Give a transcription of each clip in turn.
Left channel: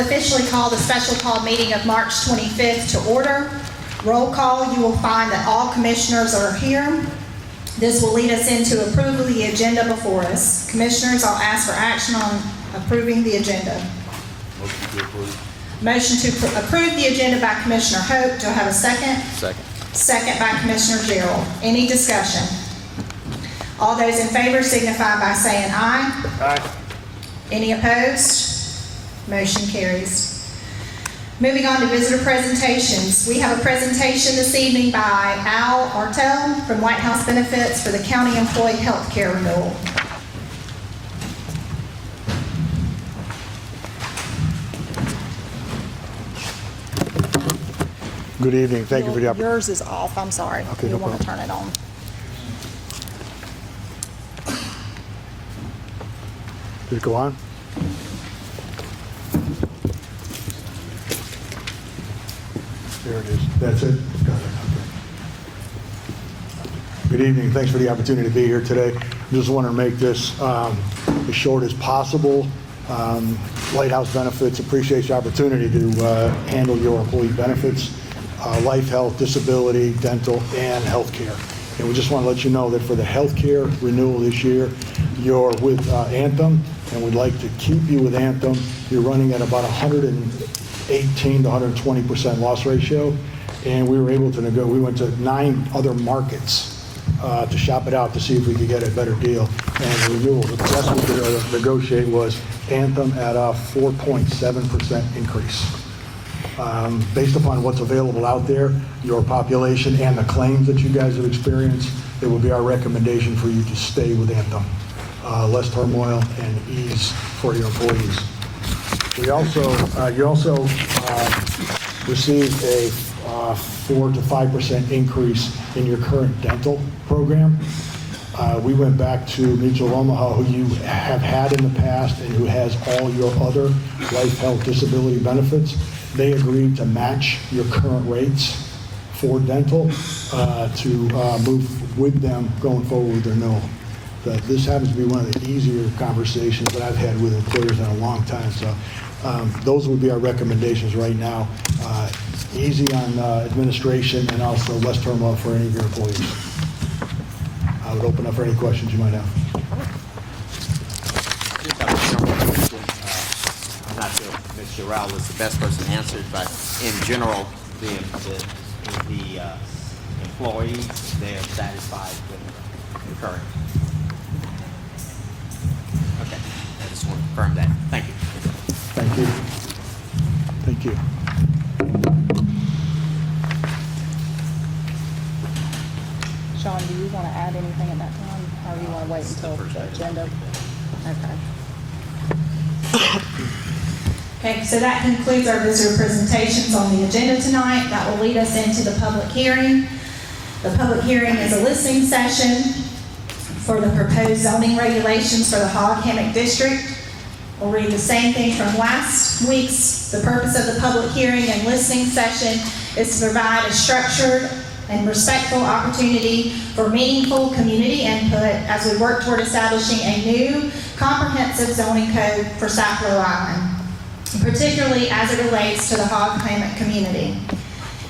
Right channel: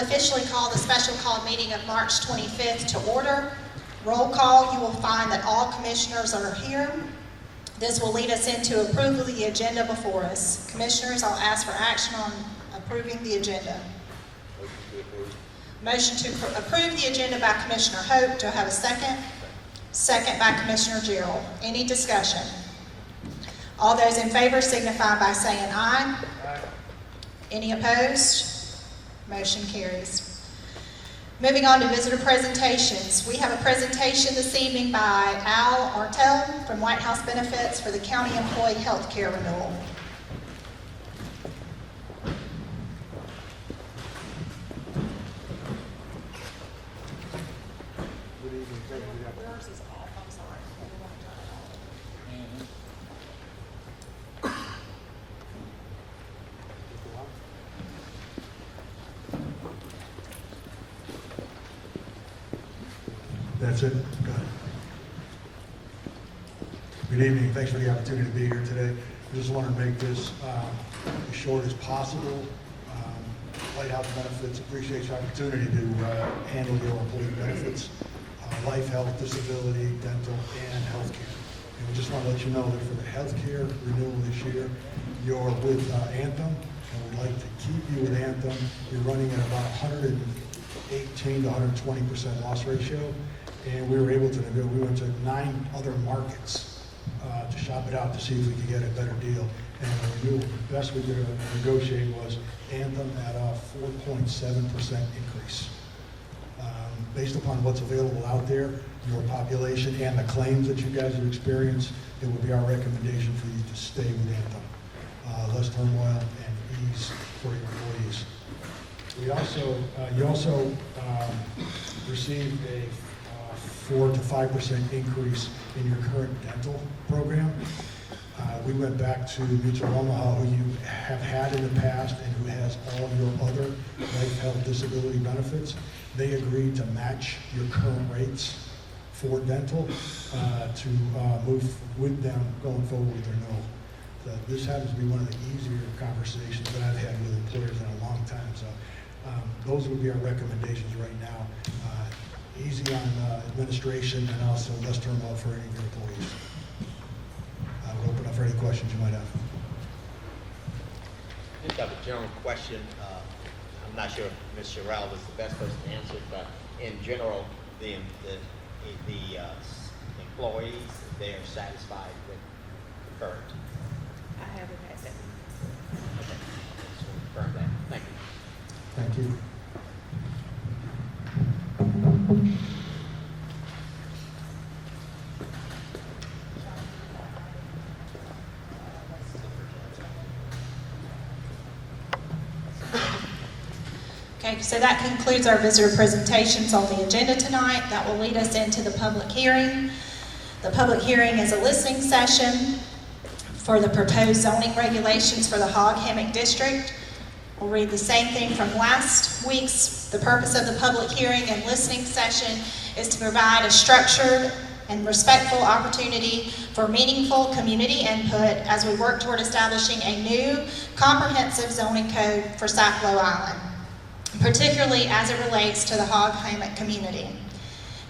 officially call the special call meeting of March 25th to order. Roll call, you will find that all commissioners are here. This will lead us into approval of the agenda before us. Commissioners, I'll ask for action on approving the agenda. Motion to approve the agenda by Commissioner Hope. Do I have a second? Second. Second by Commissioner Gerald. Any discussion? All those in favor signify by saying aye. Aye. Any opposed? Motion carries. Moving on to visitor presentations. We have a presentation this evening by Al Artel from White House Benefits for the County Employee Health Care Renewal. Good evening. Thank you for the opportunity. Yours is off, I'm sorry. Okay, You no want to problem. turn it on. Did it go on? There it is. That's it? Got it. Okay. Good evening. Thanks for the opportunity to be here today. Just want to make this as short as possible. Lighthouse Benefits appreciates the opportunity to handle your employee benefits, life, health, disability, dental, and health care. And we just want to let you know that for the health care renewal this year, you're with Anthem, and we'd like to keep you with Anthem. You're running at about 118 to 120% loss ratio, and we were able to we went to 9 other markets to shop it out to see if we could get a better deal. And the renewal, the best we could negotiate was Anthem at a 4.7% increase. Based upon what's available out there, your population, and the claims that you guys have experienced, it would be our recommendation for you to stay with Anthem. Less turmoil and ease for your employees. You also received a 4 to 5% increase in your current dental program. We went back to Mutual Omaha, who you have had in the past and who has all your other life, health, disability benefits. They agreed to match your current rates for dental to move with them going forward with their renewal. This happens to be one of the easier conversations that I've had with employers in a long time. So those would be our recommendations right now. Easy on administration and also less turmoil for any of your employees. I would open up for any questions you might have. Just have a general question. I'm not sure if Ms. Sherrill is the best person to answer it, but in general, the employees, they're satisfied with the current. Okay, I just want to confirm that. Thank you. Thank you. Thank you. Sean, do you want to add anything at that time, or do you want to wait until the agenda? Okay. Okay, so that concludes our visitor presentations on the agenda tonight. That will lead us into the public hearing. The public hearing is a listening session for the proposed zoning regulations for the Hog Hammock District. We'll read the same thing from last week's. The purpose of the public hearing and listening session is to provide a structured and respectful opportunity for meaningful community input as we work toward establishing a new comprehensive zoning code for Sapelo Island, particularly as it relates to the Hog Hammock community.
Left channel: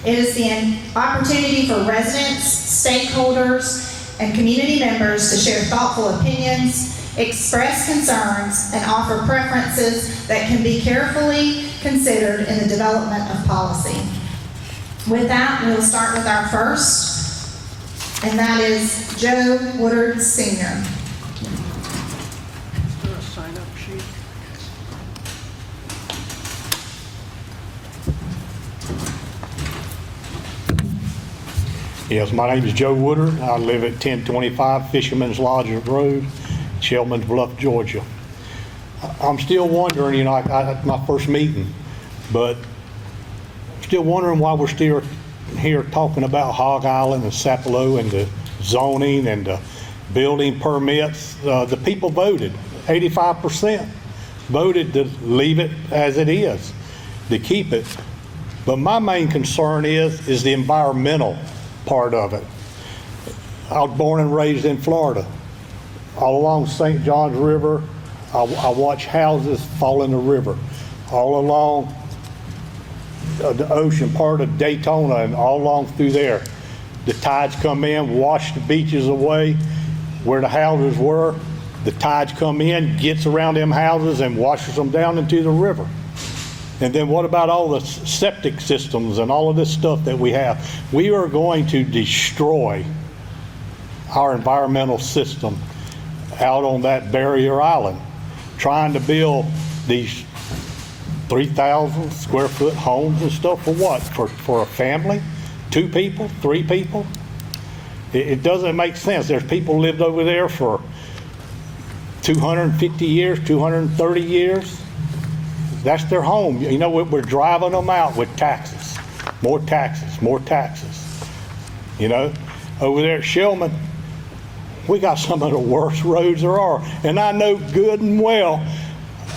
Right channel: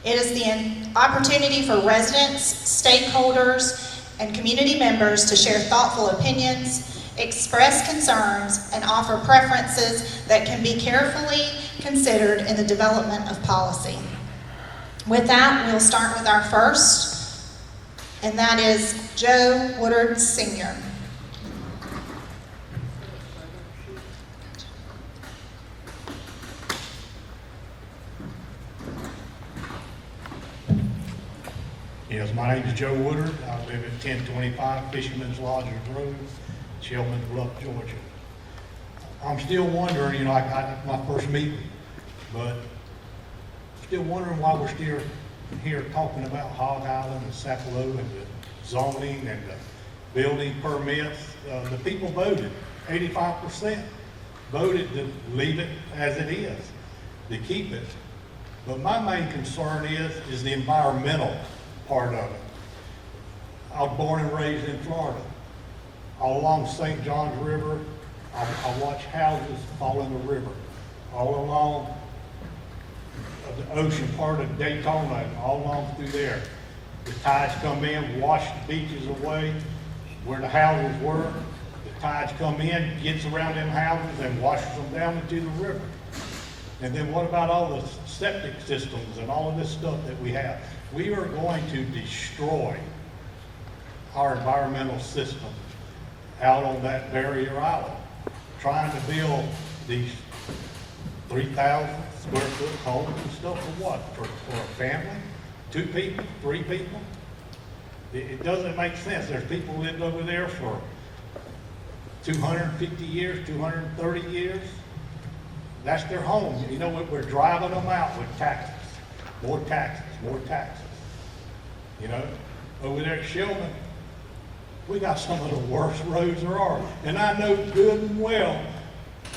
It is the opportunity for residents, stakeholders, and community members to share thoughtful opinions, express concerns, and offer preferences that can be carefully considered in the development of policy. With that, we'll start with our first, and that is Joe Woodard Sr. Yes, my name is Joe Woodard. I live at 1025 Fisherman's Lodge Road, Shelman's Bluff, Georgia. I'm still wondering, at my first meeting, but still wondering why we're still here talking about Hog Island and Sapelo and the zoning and the building permits. The people voted, 85% voted to leave it as it is, to keep it. But my main concern is the environmental part of it. I was born and raised in Florida. All along St. Johns River, I watch houses fall in the river. all along the ocean part of Daytona and all along through there. The tides come in, wash the beaches away where the houses were. The tides come in, gets around them houses and washes them down into the river. And then what about all the septic systems and all of this stuff that we have? We are going to destroy our environmental system out on that barrier island, trying to build these 3,000 square foot homes and stuff for what? For a family? 2 people? 3 people? It doesn't make sense. There's people lived over there for 250 years, 230 years. That's their home. You know, we're driving them out with taxes. More taxes, more taxes. You know, over there at Shillman, we got some of the worst roads there are. And I know good and well,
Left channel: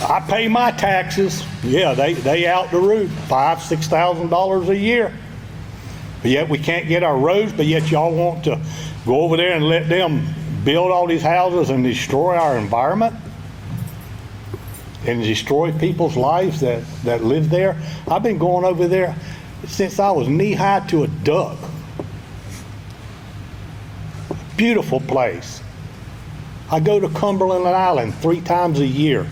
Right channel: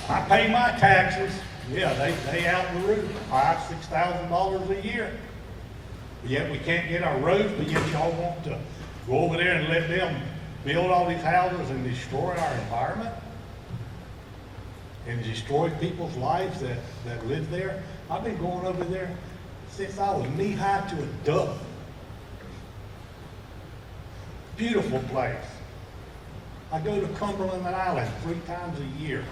I pay my taxes. Yeah, they out the roof, $5,000, $6,000 a year. But yet we can't get our roads, but yet y'all want to go over there and let them build all these houses and destroy our environment and destroy people's lives that live there. I've been going over there since I was knee-high to a duck. Beautiful place. I go to Cumberland Island 3 times a year.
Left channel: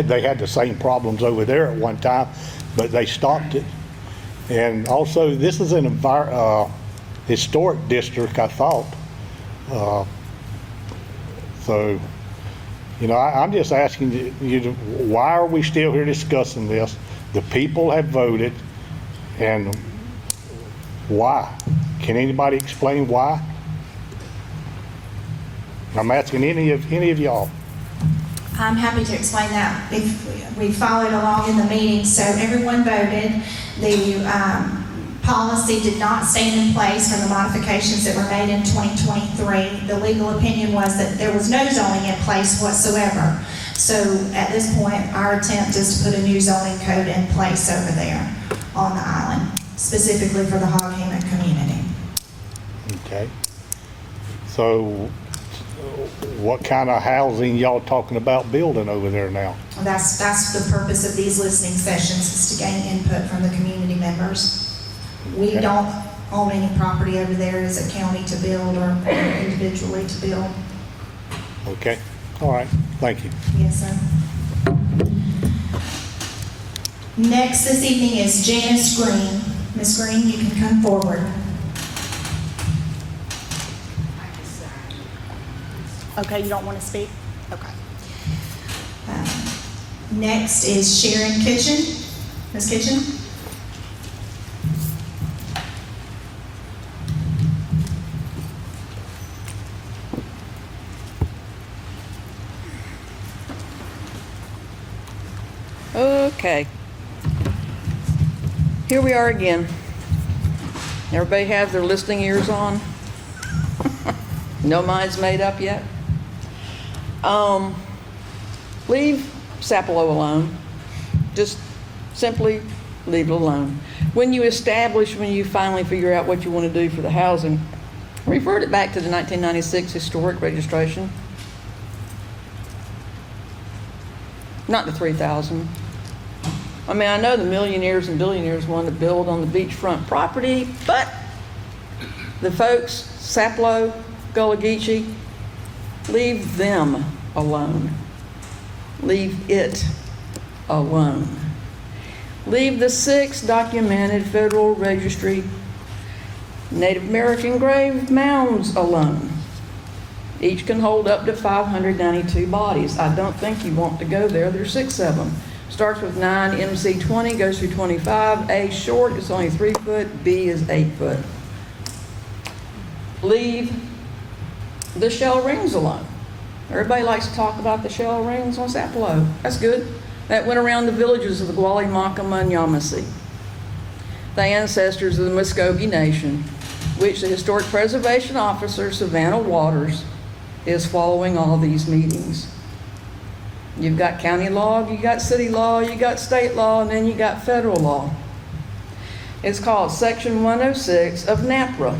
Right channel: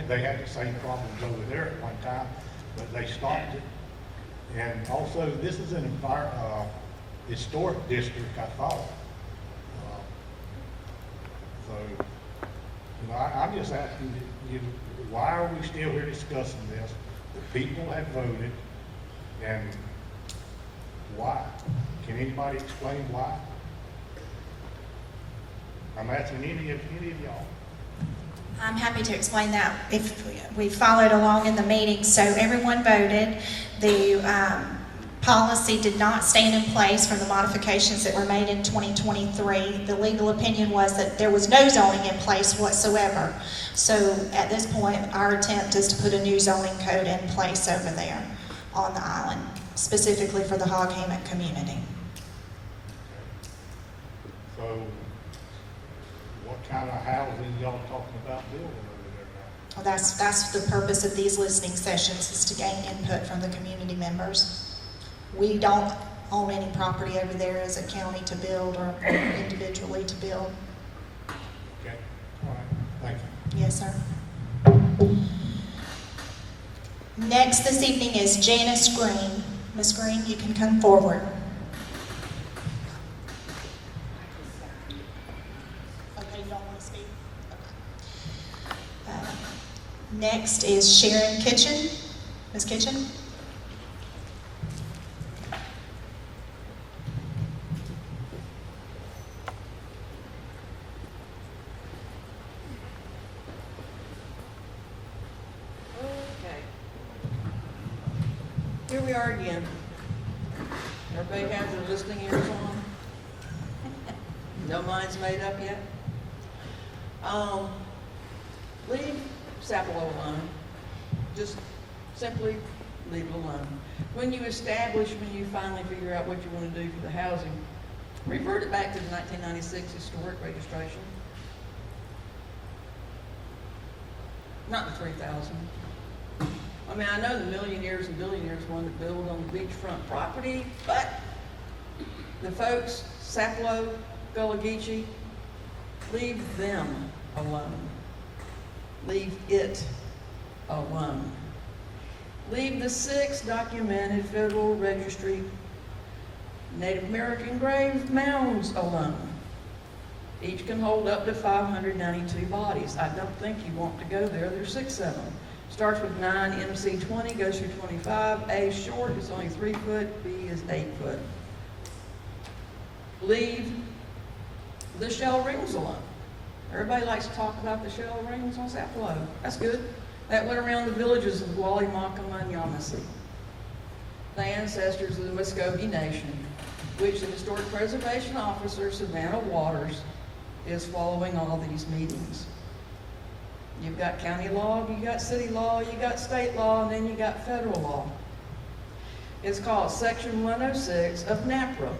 They had the same problems over there at one time, but they stopped it. And also, this is an historic district, I thought. So, you know, I'm just asking you, why are we still here discussing this? The people have voted, and why? Can anybody explain why? I'm asking any of y'all. I'm happy to explain that. If we followed along in the meeting, so everyone voted. The policy did not stand in place from the modifications that were made in 2023. The legal opinion was that there was no zoning in place whatsoever. So at this point, our attempt is to put a new zoning code in place over there on the island, specifically for the Hog Hammock community. Okay. So what kind of housing y'all talking about building over there now? That's the purpose of these listening sessions, is to gain input from the community members. We Okay. don't own any property over there as a county to build or individually to build. Okay. All right. Thank you. Yes, sir. Next this evening is Janice Green. Ms. Green, you can come forward. Okay, you don't want to speak? Okay. Next is Sharon Kitchen. Ms. Kitchen? Okay. Here we are again. Everybody have their listening ears on? No minds made up yet? Leave Sapelo alone. Just simply leave it alone. When you finally figure out what you want to do for the housing, revert it back to the 1996 historic registration. Not the 3,000. I mean, I know the millionaires and billionaires want to build on the beachfront property, but the folks, Sapelo, Gullah Geechee, leave them alone. Leave it alone. Leave the 6 documented Federal Registry Native American grave mounds alone. Each can hold up to 592 bodies. I don't think you want to go there. There's 6 of them. Starts with 9 MC 20, goes through 25. A short is only 3 foot. B is 8 foot. Leave the shell rings alone. Everybody likes to talk about the shell rings on Sapelo. That's good. That went around the villages of the Gwalimakama and Yamasee, the ancestors of the Muskogee Nation, which the Historic Preservation Officer, Savannah Waters, is following all these meetings. You've got county law, you got city law, you got state law, and then you got federal law. It's called Section 106 of NAPRA.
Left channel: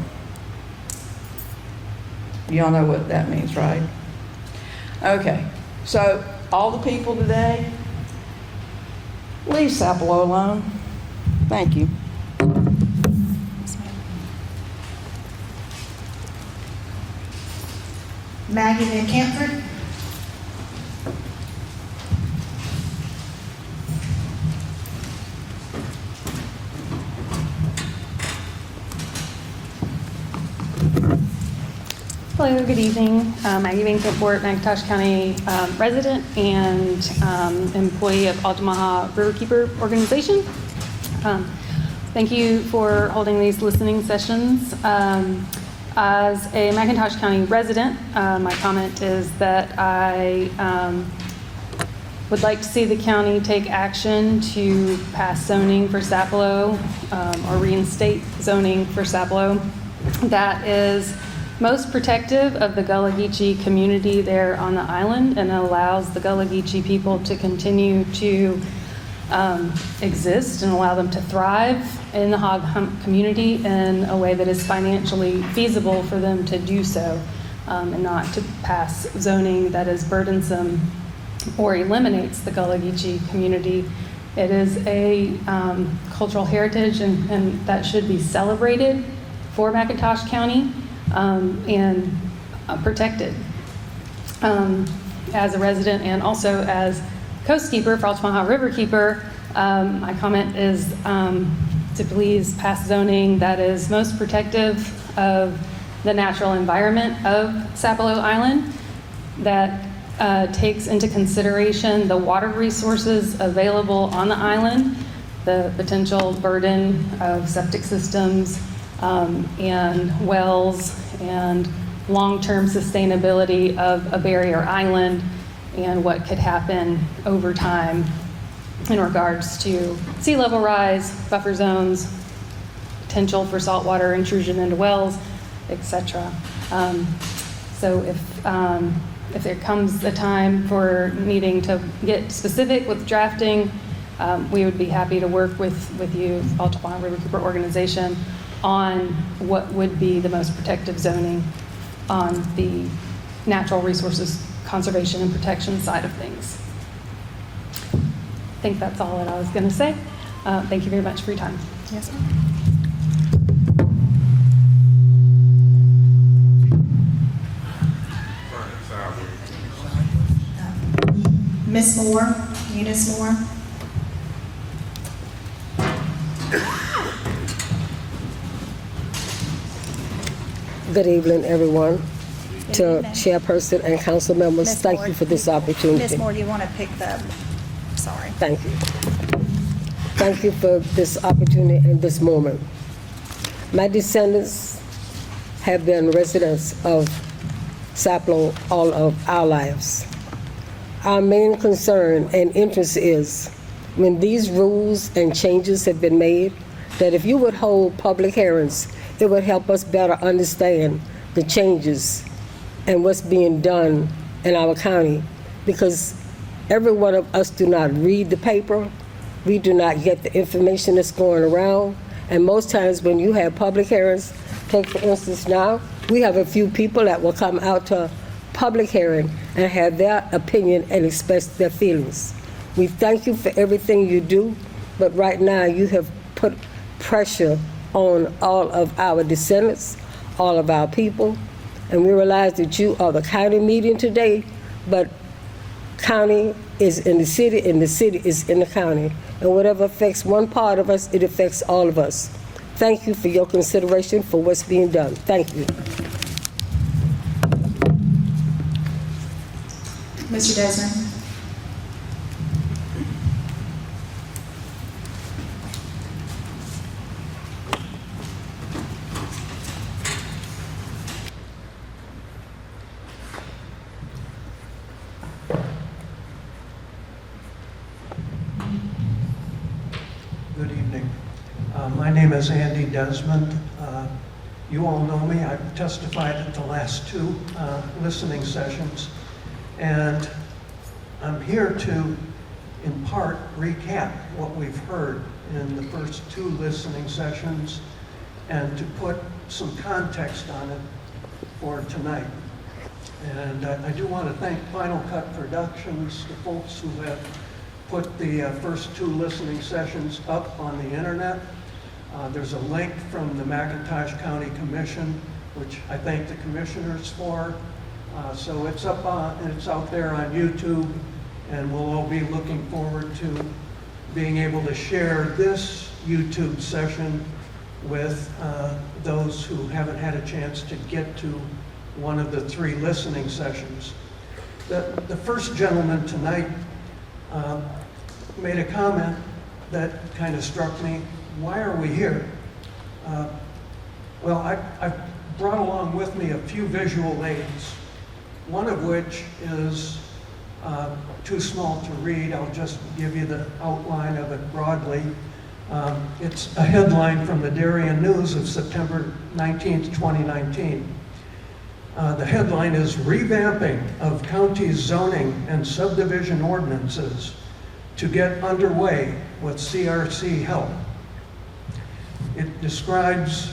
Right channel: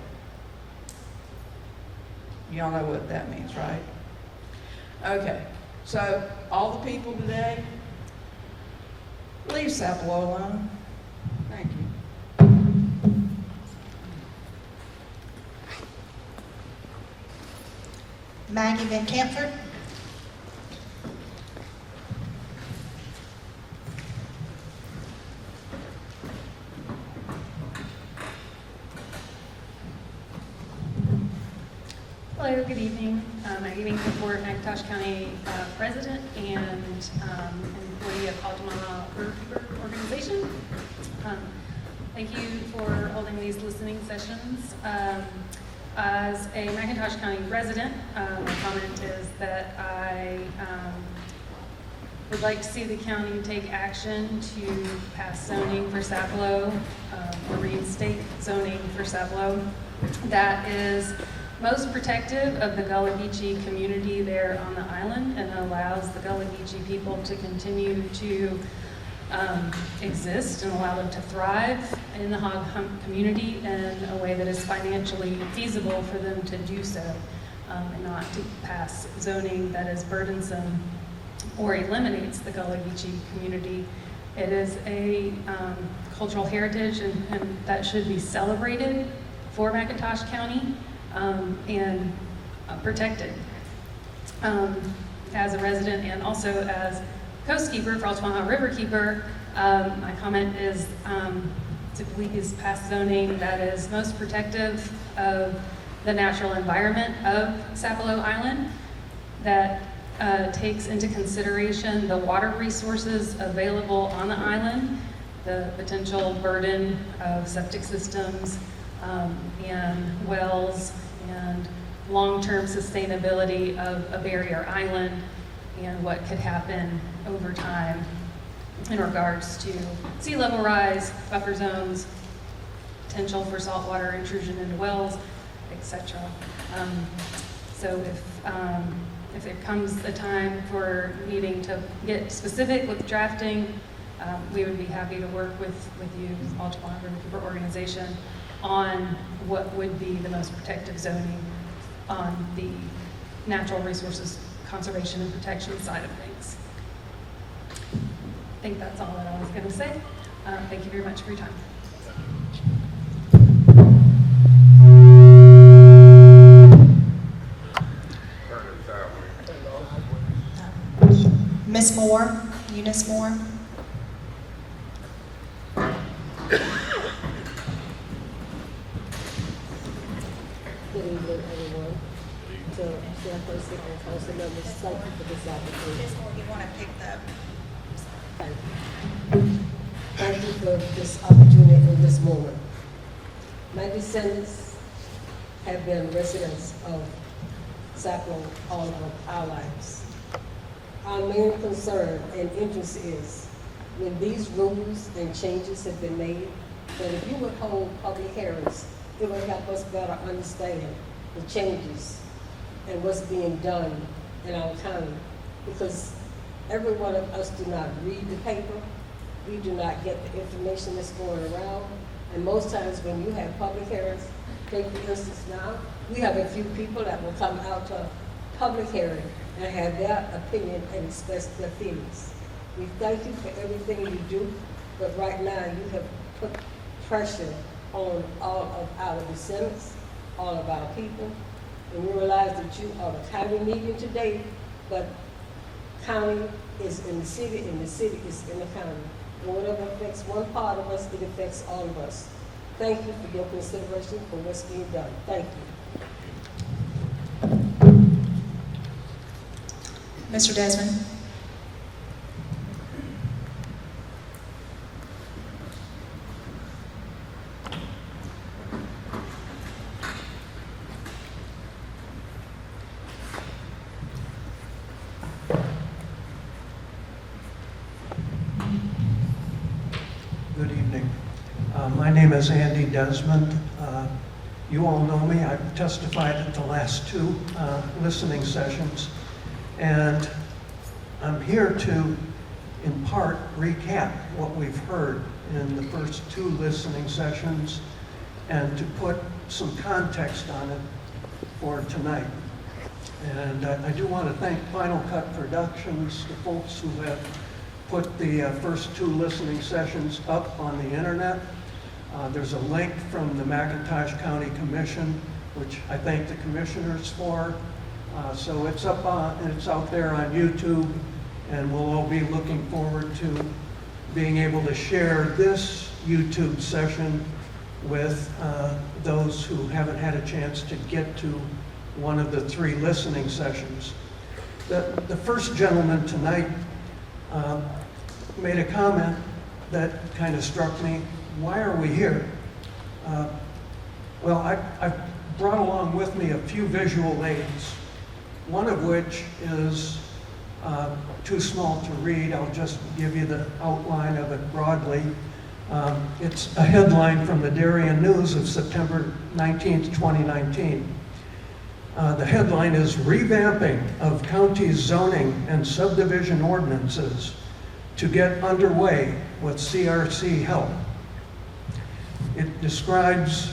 Y'all know what that means, right? Okay, so all the people today, leave Sapelo alone. Thank you. Maggie Van Camford. Hello, good evening. Maggie Van Camford, McIntosh County resident and employee of Altamaha Riverkeeper Organization. Thank you for holding these listening sessions. As a McIntosh County resident, my comment is that I would like to see the county take action to pass zoning for Sapelo or reinstate zoning for Sapelo that is most protective of the Gullah Geechee community there on the island and allows the Gullah Geechee people to continue to exist and allow them to thrive in the hog hunt community in a way that is financially feasible for them to do so, and not to pass zoning that is burdensome or eliminates the Gullah Geechee community. It is a cultural heritage and that should be celebrated for McIntosh County and protected. As a resident and also as coastkeeper for Altamaha Riverkeeper, my comment is to please pass zoning that is most protective of the natural environment of Sapelo Island, that takes into consideration the water resources available on the island, the potential burden of septic systems and wells and long-term sustainability of a barrier island and what could happen over time in regards to sea level rise, buffer zones, potential for saltwater intrusion into wells, etc. So if there comes a time for needing to get specific with drafting, we would be happy to work with you, Altamaha Riverkeeper Organization, on what would be the most protective zoning on the natural resources conservation and protection side of things. I think that's all that I was going to say. Thank you very much for your time. Yes, Ms. Moore, Eunice Moore. Good evening, everyone. To Chairperson and council members, Ms. thank Moore. you for this opportunity. Ms. Moore, do you want to pick the, sorry. Thank you. Thank you for this opportunity and this moment. My descendants have been residents of Sapelo all of our lives. Our main concern and interest is when these rules and changes have been made, that if you would hold public hearings, it would help us better understand the changes and what's being done in our county, because every one of us do not read the paper, we do not get the information that's going around, and most times when you have public hearings, take for instance now, we have a few people that will come out to public hearing and have their opinion and express their feelings. We thank you for everything you do, but right now you have put pressure on all of our descendants, all of our people, and we realize that you are the county meeting today, but county is in the city and the city is in the county. And whatever affects one part of us, it affects all of us. Thank you for your consideration for what's being done. Thank you. Mr. Desmond. Good evening. My name is Andy Desmond. You all know me. I've testified at the last two listening sessions. And I'm here to, in part, recap what we've heard in the first two listening sessions and to put some context on it for tonight. And I do want to thank Final Cut Productions, the folks who have put the first 2 listening sessions up on the internet. There's a link from the McIntosh County Commission, which I thank the commissioners for. So it's out there on YouTube, and we'll all be looking forward to being able to share this YouTube session with those who haven't had a chance to get to one of the 3 listening sessions. The first gentleman tonight made a comment that kind of struck me. Why are we here? Well, I've brought along with me a few visual aids, one of which is too small to read. I'll just give you the outline of it broadly. It's a headline from the Darien News of September 19th, 2019. The headline is Revamping of County Zoning and Subdivision Ordinances to Get Underway with CRC Help. It describes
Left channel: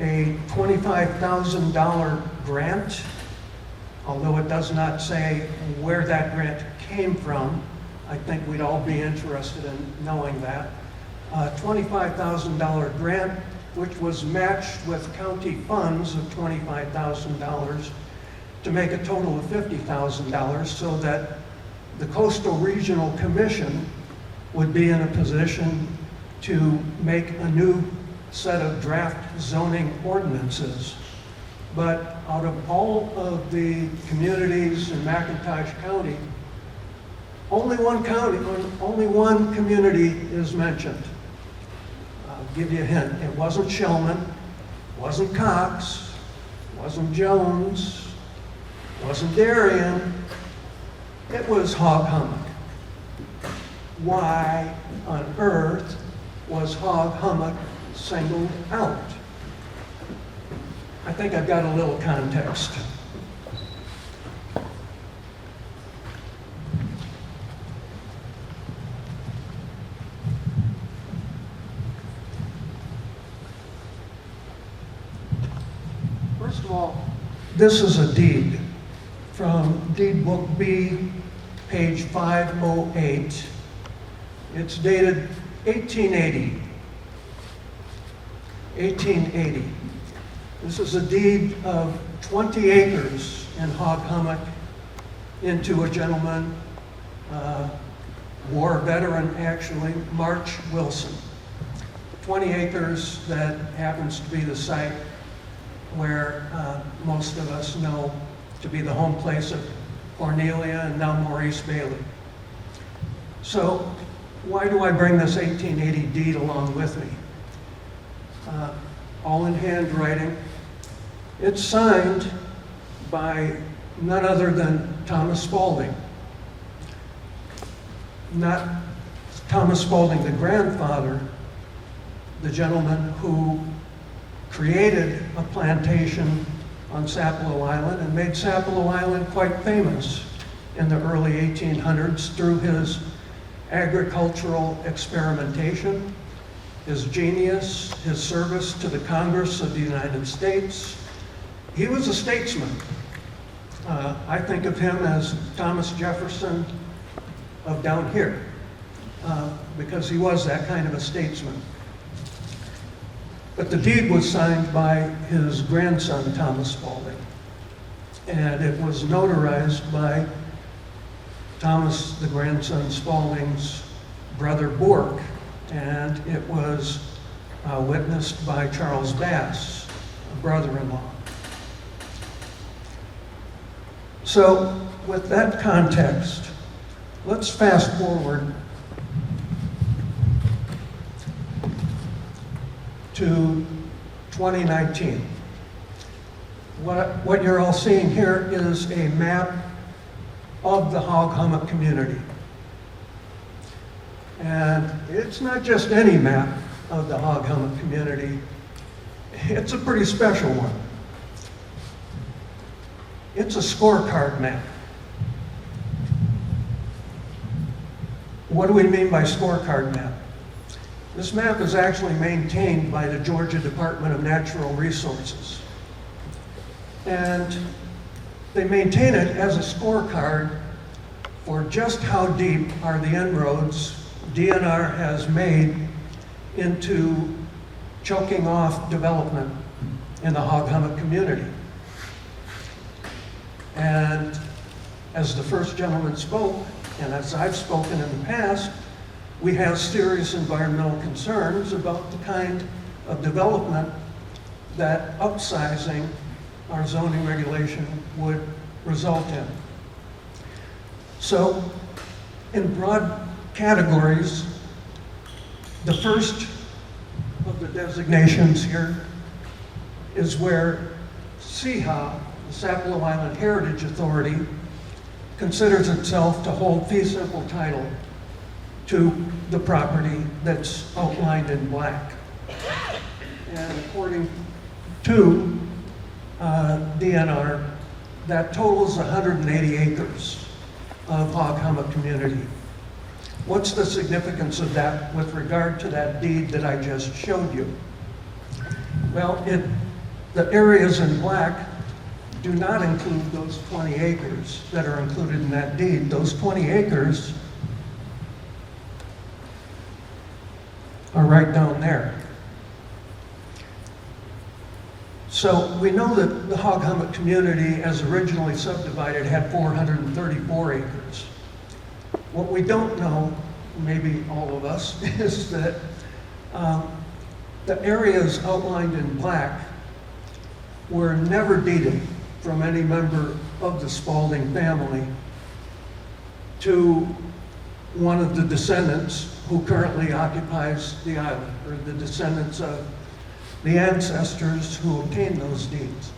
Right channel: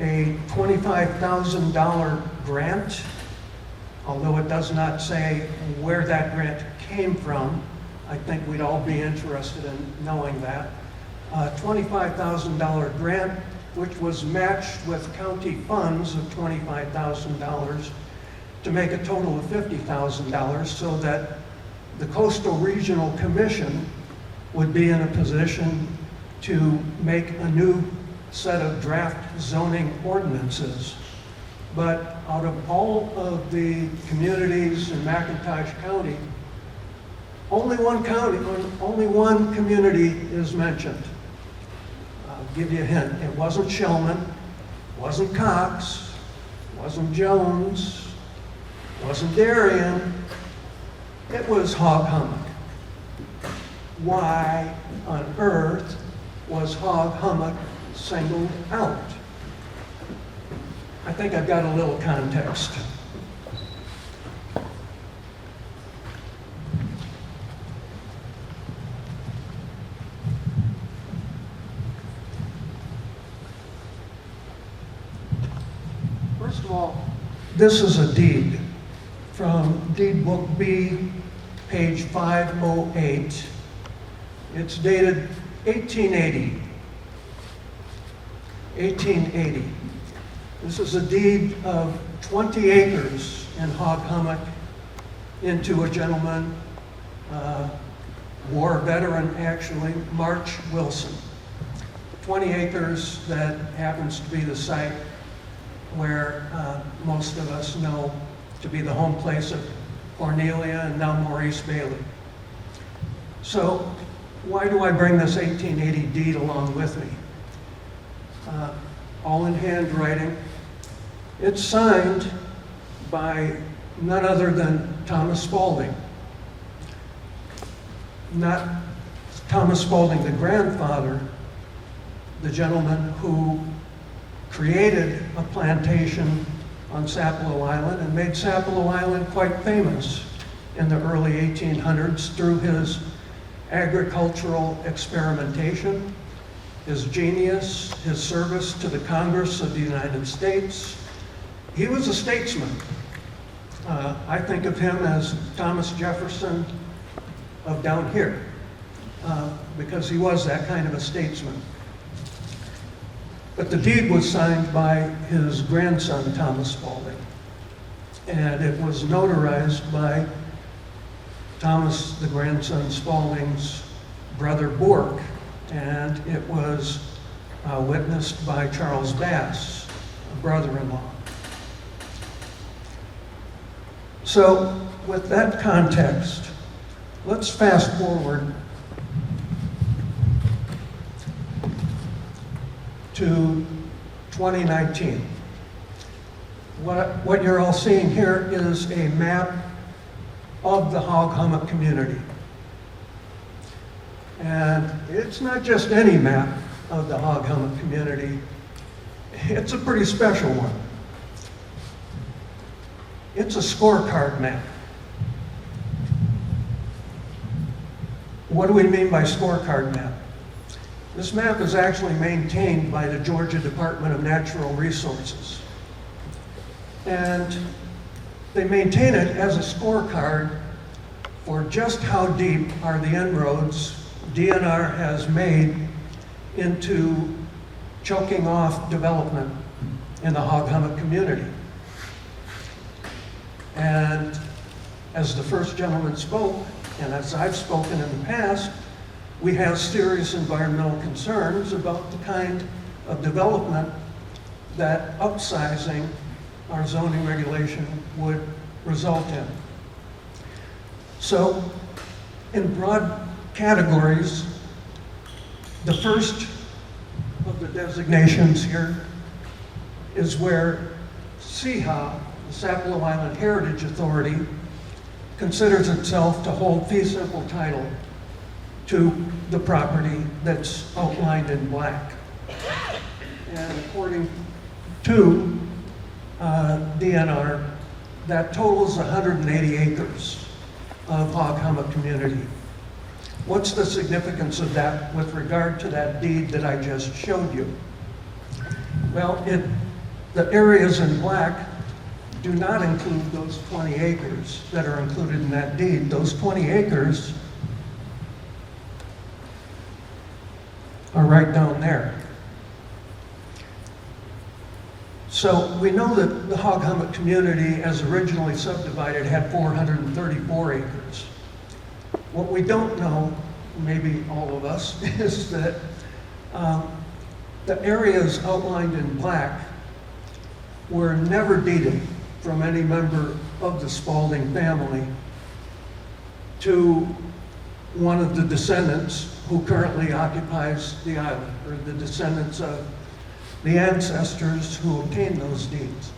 a $25,000 grant, although it does not say where that grant came from. I think we'd all be interested in knowing that. A $25,000 grant, which was matched with county funds of $25,000 to make a total of $50,000, so that the Coastal Regional Commission would be in a position to make a new set of draft zoning ordinances. But out of all of the communities in McIntosh County, only one community is mentioned. I'll give you a hint. It wasn't Shellman, wasn't Cox, wasn't Jones, wasn't Darien. It was Hog Hummock. Why on earth was Hog Hummock singled out? I think I've got a little context. First of all, this is a deed from Deed Book B, page 508. It's dated 1880. 1880. This is a deed of 20 acres in Hog Hummock into a gentleman, war veteran actually, March Wilson. 20 acres that happens to be the site where most of us know to be the home place of Cornelia and now Maurice Bailey. So why do I bring this 1880 deed along with me? All in handwriting. It's signed by none other than Thomas Spaulding. Not Thomas Spaulding, the grandfather, the gentleman who created a plantation on Sapelo Island and made Sapelo Island quite famous in the early 1800s through his agricultural experimentation, his genius, his service to the Congress of the United States. He was a statesman. I think of him as Thomas Jefferson of down here, because he was that kind of a statesman. But the deed was signed by his grandson, Thomas Spaulding, and it was notarized by Thomas, the grandson Spaulding's brother Bork, and it was witnessed by Charles Bass, a brother-in-law. So with that context, let's fast forward to 2019. What you're all seeing here is a map of the Hog Hummock community. And it's not just any map of the Hog Hummock community, it's a pretty special one. It's a scorecard map. What do we mean by scorecard map? This map is actually maintained by the Georgia Department of Natural Resources. And they maintain it as a scorecard for just how deep are the inroads DNR has made into choking off development in the Hog Hummock community. And as the first gentleman spoke, and as I've spoken in the past, we have serious environmental concerns about the kind of development that upsizing our zoning regulation would result in. So, in broad categories, the first of the designations here is where SIHA, the Sapelo Island Heritage Authority, considers itself to hold fee simple title to the property that's outlined in black. And according to DNR, that totals 180 acres of Hog Hummock community. What's the significance of that with regard to that deed that I just showed you? Well, the areas in black do not include those 20 acres that are included in that deed. Those 20 acres are right down there. So we know that the Hog Hummock community, as originally subdivided, had 434 acres. What we don't know, maybe all of us, is that the areas outlined in black were never deeded from any member of the Spalding family to one of the descendants who currently occupies the island, or the descendants of the ancestors who obtained those deeds.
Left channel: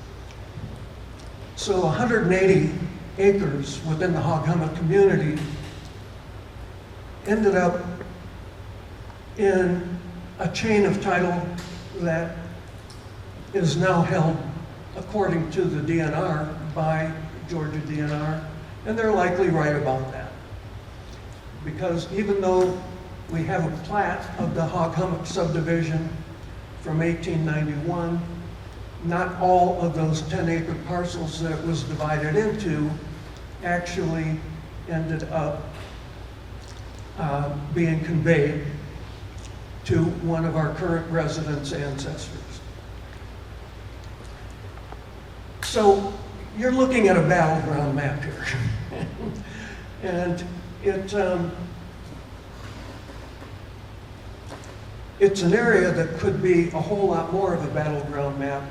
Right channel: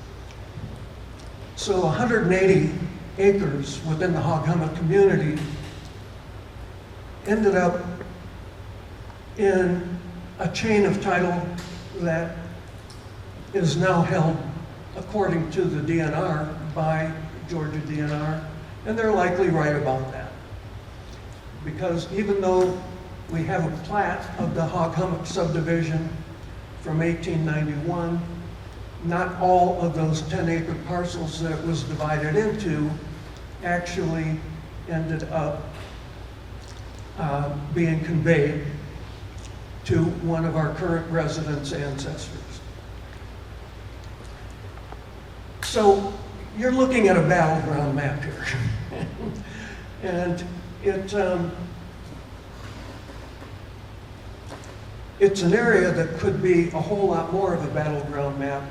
So 180 acres within the Hog Hummock community ended up in a chain of title that is now held, according to the DNR, by Georgia DNR, and they're likely right about that. Because even though we have a plat of the Hog Hummock subdivision from 1891, not all of those 10-acre parcels that it was divided into actually ended up being conveyed to one of our current residents' ancestors. So you're looking at a battleground map here. And it's an area that could be a whole lot more of a battleground map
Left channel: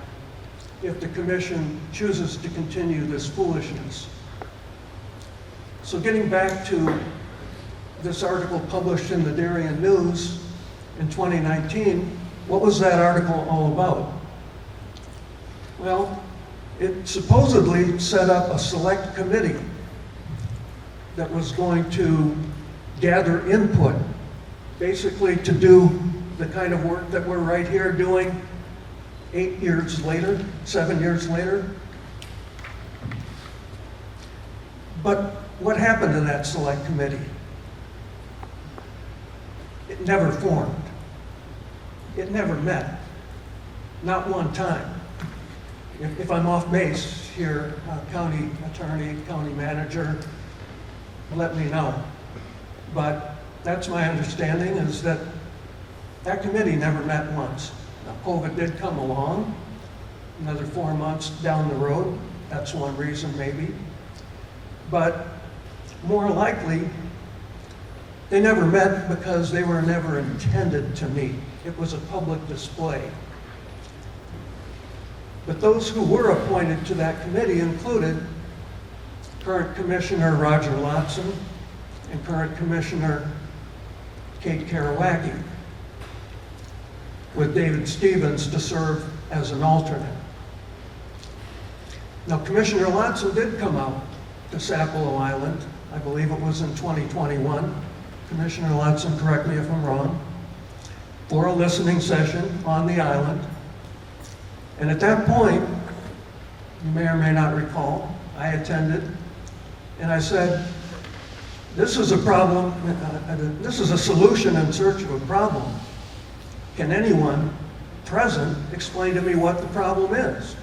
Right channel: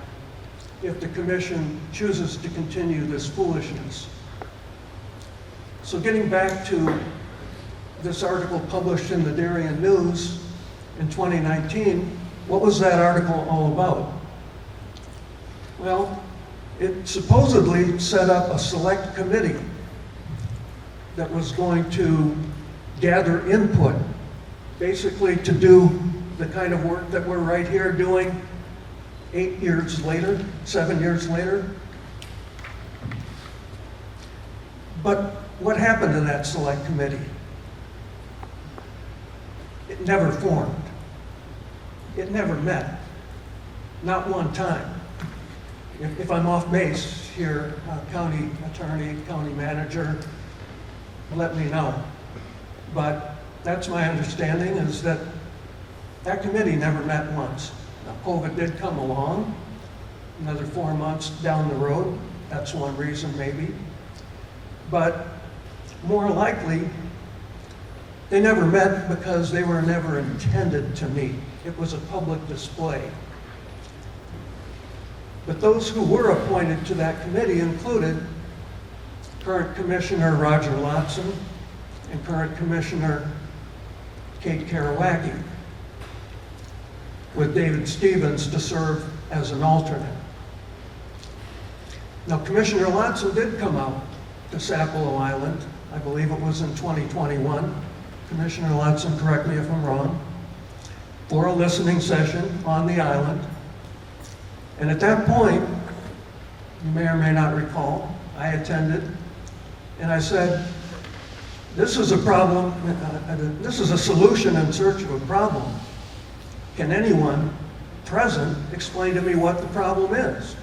if the commission chooses to continue this foolishness. So getting back to this article published in the Darien News in 2019, what was that article all about? Well, it supposedly set up a select committee that was going to gather input, basically to do the kind of work that we're right here doing 8 years later, 7 years later. But what happened to that select committee? It never formed. It never met. Not one time. If I'm off base here, county attorney, county manager, let me know. But that's my understanding, is that that committee never met once. Now, COVID did come along, another 4 months down the road. That's one reason maybe. But more likely, they never met because they were never intended to meet. It was a public display. But those who were appointed to that committee included current Commissioner Roger Lotson and current Commissioner Kate Karawacki, with David Stevens to serve as an alternate. Now, Commissioner Lotson did come out to Sapelo Island. I believe it was in 2021. Commissioner Lotson, correct me if I'm wrong, for a listening session on the island. And at that point, you may or may not recall, I attended, and I said, this is a problem, this is a solution in search of a problem. Can anyone present explain to me what the problem is?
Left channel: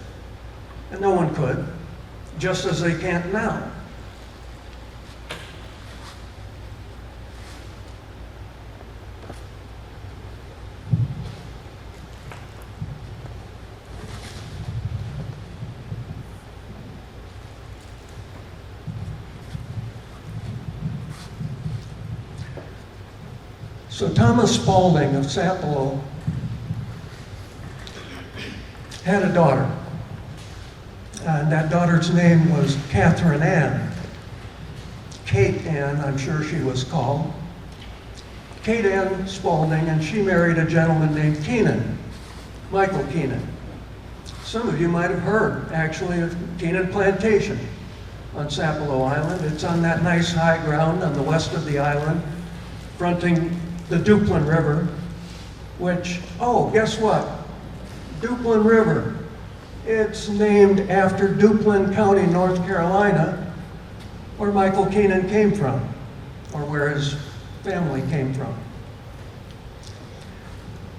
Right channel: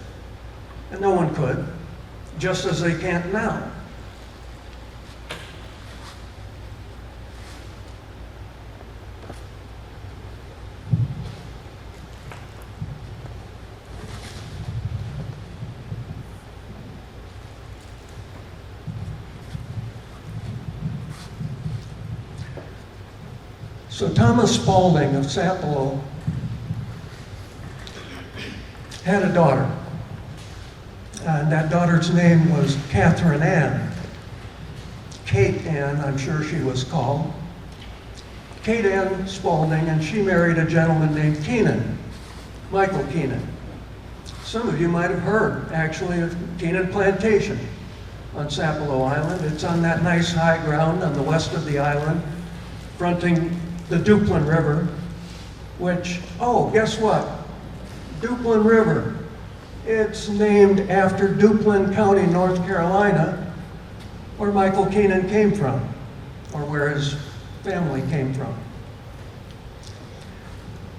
And no one could, just as they can't now. So Thomas Spaulding of Sapelo had a daughter, and that daughter's name was Catherine Ann. Kate Ann, I'm sure she was called. Kate Ann Spaulding, and she married a gentleman named Keenan, Michael Keenan. Some of you might have heard, actually, of Keenan Plantation on Sapelo Island. It's on that nice high ground on the west of the island, fronting the Duplin River, which, oh, guess what? Duplin River. It's named after Duplin County, North Carolina, where Michael Keenan came from, or where his family came from.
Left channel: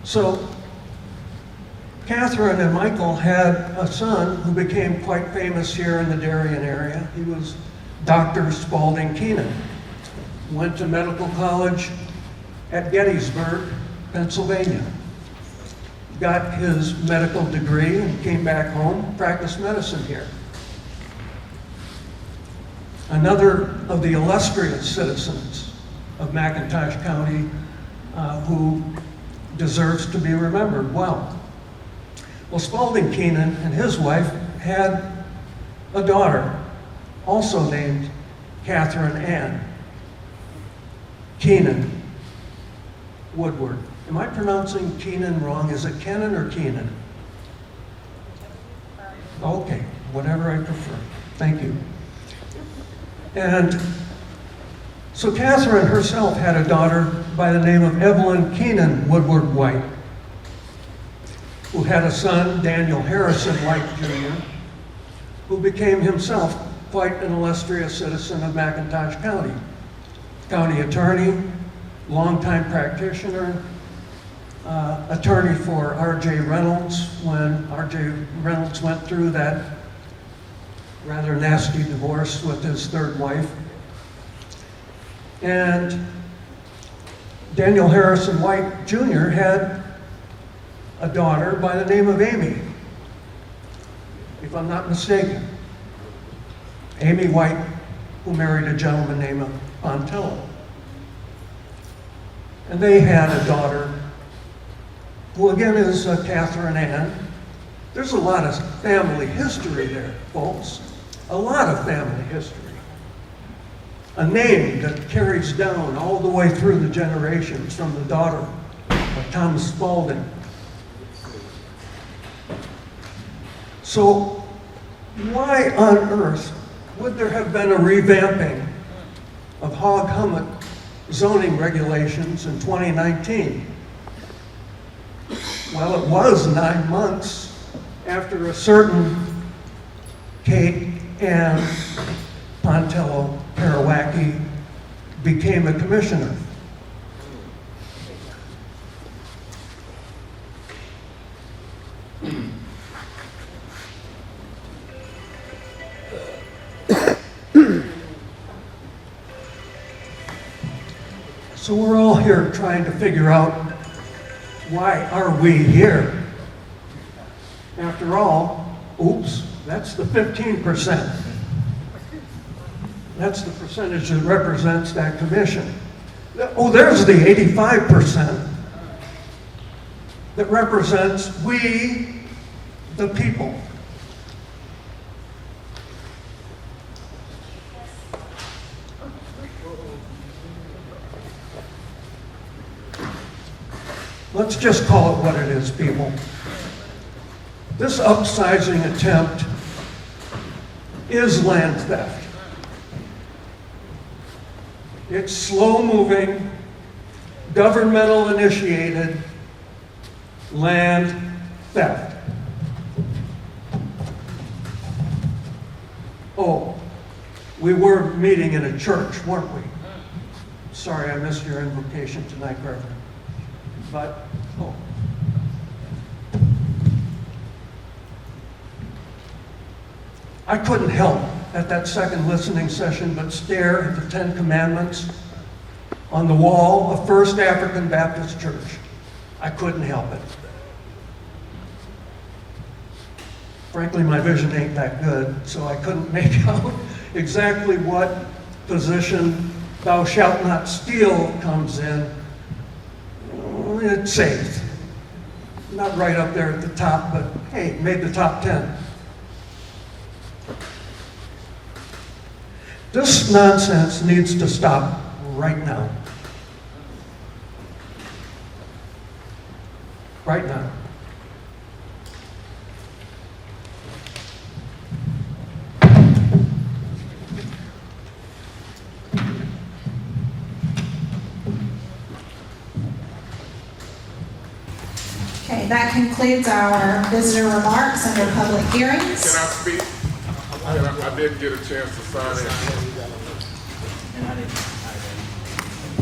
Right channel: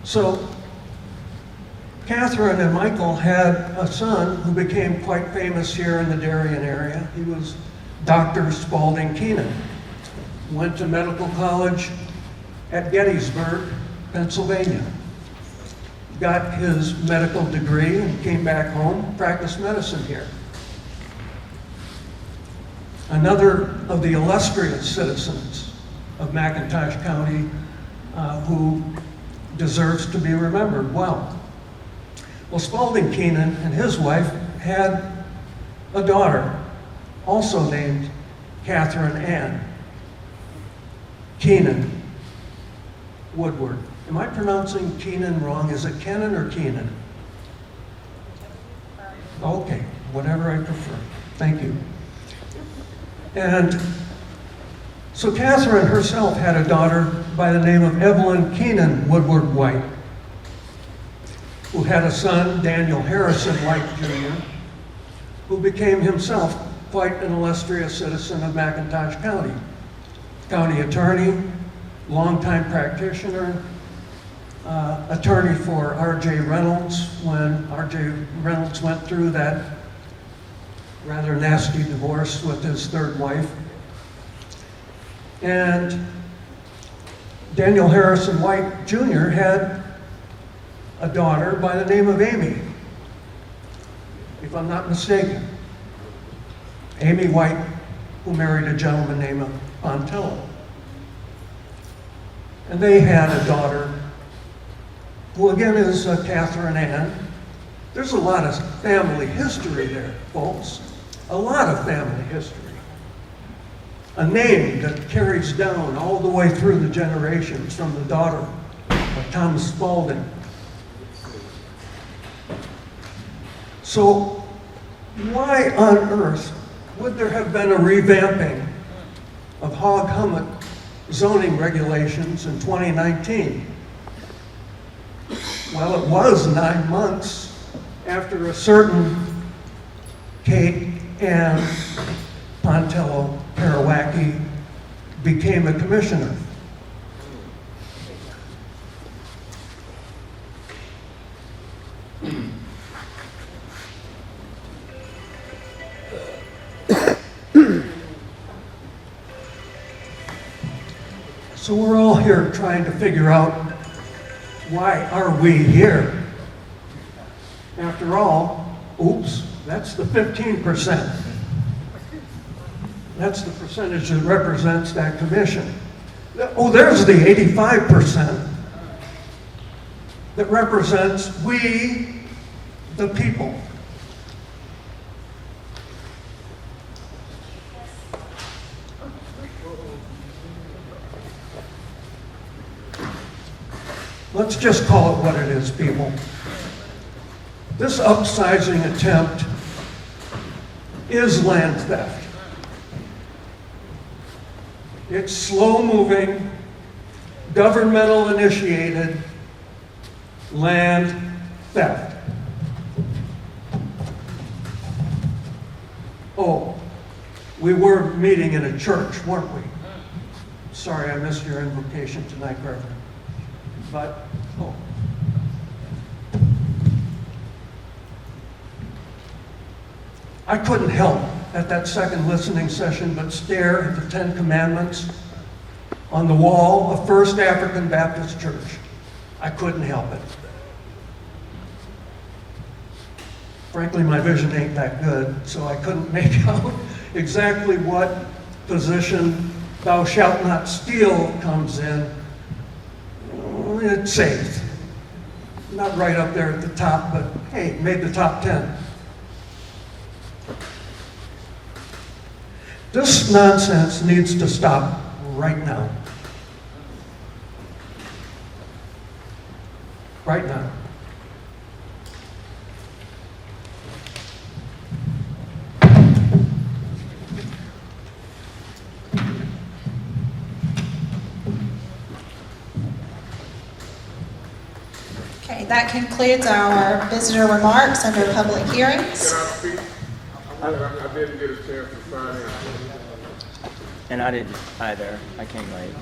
So, Catherine and Michael had a son who became quite famous here in the Darien area. He was Dr. Spaulding Keenan. Went to medical college at Gettysburg, Pennsylvania. Got his medical degree and came back home, practiced medicine here. Another of the illustrious citizens of McIntosh County who deserves to be remembered well. Well, Spaulding Keenan and his wife had a daughter, also named Catherine Ann Keenan Woodward. Am I pronouncing Keenan wrong? Is it Kenan or Keenan? Okay, whatever I prefer. Thank you. And so Catherine herself had a daughter by the name of Evelyn Keenan Woodward White, who had a son, Daniel Harrison White Jr., who became himself quite an illustrious citizen of McIntosh County. County attorney, longtime practitioner, attorney for R.J. Reynolds when R.J. Reynolds went through that rather nasty divorce with his third wife. And Daniel Harrison White Jr. had a daughter by the name of Amy, if I'm not mistaken. Amy White, who married a gentleman named Pontello. And they had a daughter, who again is Catherine Ann. There's a lot of family history there, folks. A lot of family history. A name that carries down all the way through the generations from the daughter of Thomas Spaulding. So why on earth would there have been a revamping of hog hummock zoning regulations in 2019? Well, it was 9 months after a certain Kate Ann Pontello Parawacki became a commissioner. So we're all here trying to figure out, why are we here? After all, oops, that's the 15%. That's the percentage that represents that commission. Oh, there's the 85% that represents we, the people. Let's just call it what it is, people. This upsizing attempt is land theft. It's slow-moving, governmental-initiated land theft. Oh, we were meeting in a church, weren't we? Sorry, I missed your invocation tonight, Reverend. But, oh. I couldn't help at that second listening session but stare at the 10 Commandments on the wall of First African Baptist Church. I couldn't help it. Frankly, my vision ain't that good, so I couldn't make out exactly what position "thou shalt not steal" comes in. it's safe. Not right up there at the top, but hey, made the top 10. This nonsense needs to stop right now. Right now. Okay, that concludes our visitor remarks under public hearings. Can I speak? I didn't get a chance to sign in. And I didn't either. I came late.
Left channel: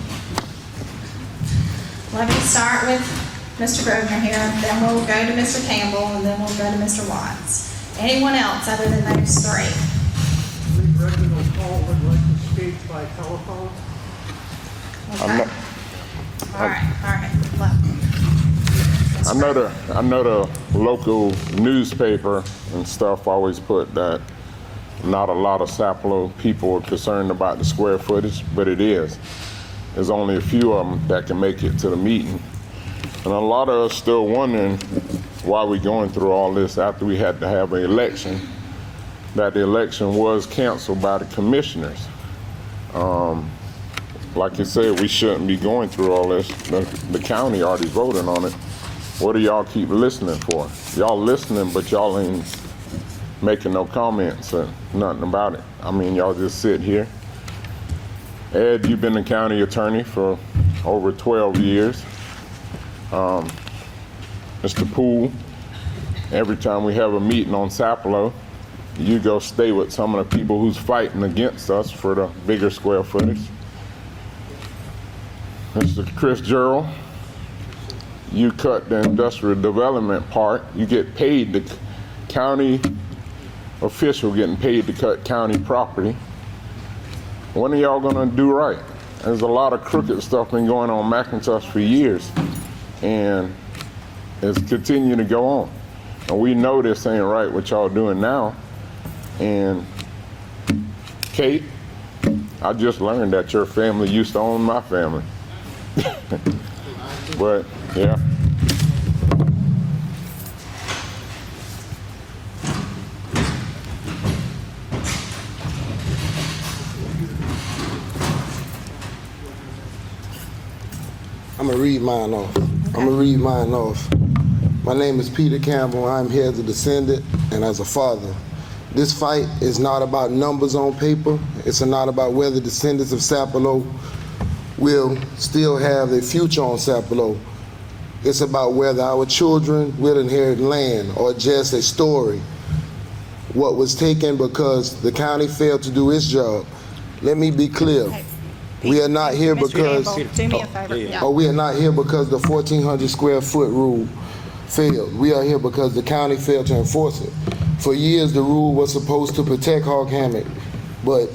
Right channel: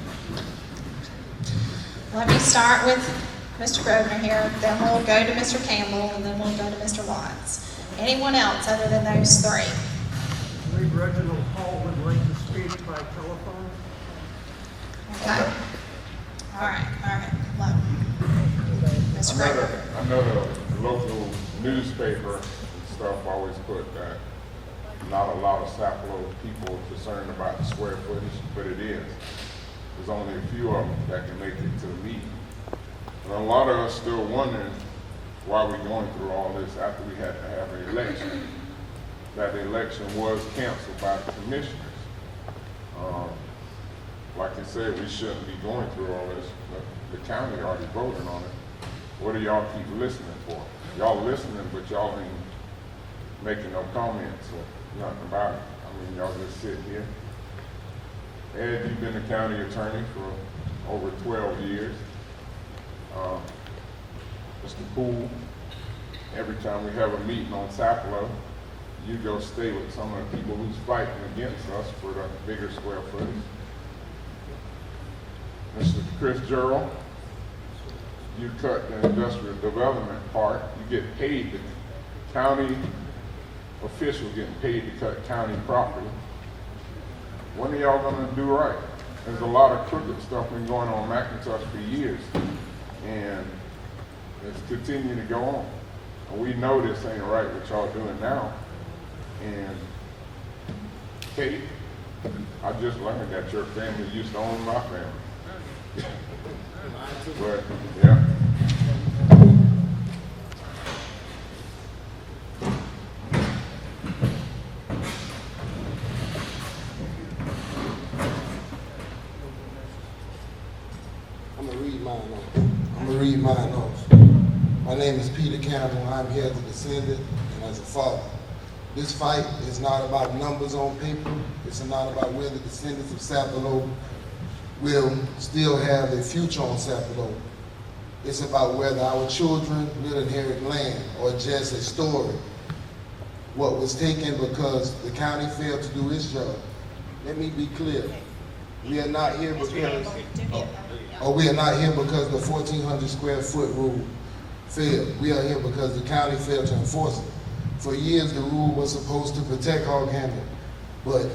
Let me start with Mr. Grosvenor here, then we'll go to Mr. Campbell, and then we'll go to Mr. Watts. Anyone else other than those three? Reginald Paul would like to speak by telephone. Okay. All right, well. I know the local newspaper and stuff always put that not a lot of Sapelo people are concerned about the square footage, but it is. There's only a few of them that can make it to the meeting. And a lot of us still wondering why we're going through all this after we had to have an election, that the election was canceled by the commissioners. Like you said, we shouldn't be going through all this. The county already voted on it. What do y'all keep listening for? Y'all listening, but y'all ain't making no comments or nothing about it. I mean, y'all just sit here. Ed, you've been the county attorney for over 12 years. Mr. Poole, every time we have a meeting on Sapelo, you go stay with some of the people who's fighting against us for the bigger square footage. Mr. Chris Gerald, you cut the industrial development part. You get paid, the county official getting paid to cut county property. When are y'all gonna do right? There's a lot of crooked stuff been going on McIntosh for years, and it's continuing to go on. And we know this ain't right what y'all doing now. And Kate, I just learned that your family used to own my family. But, yeah. I'm gonna read mine off. My name is Peter Campbell. I'm here as a descendant and as a father. This fight is not about numbers on paper. It's not about whether descendants of Sapelo will still have a future on Sapelo. It's about whether our children will inherit land or just a story. What was taken because the county failed to do its job. Let me be clear. We are not here because Do me a favor. Yeah. we are not here because the 1,400 square foot rule failed. We are here because the county failed to enforce it. For years, the rule was supposed to protect hog hammock, but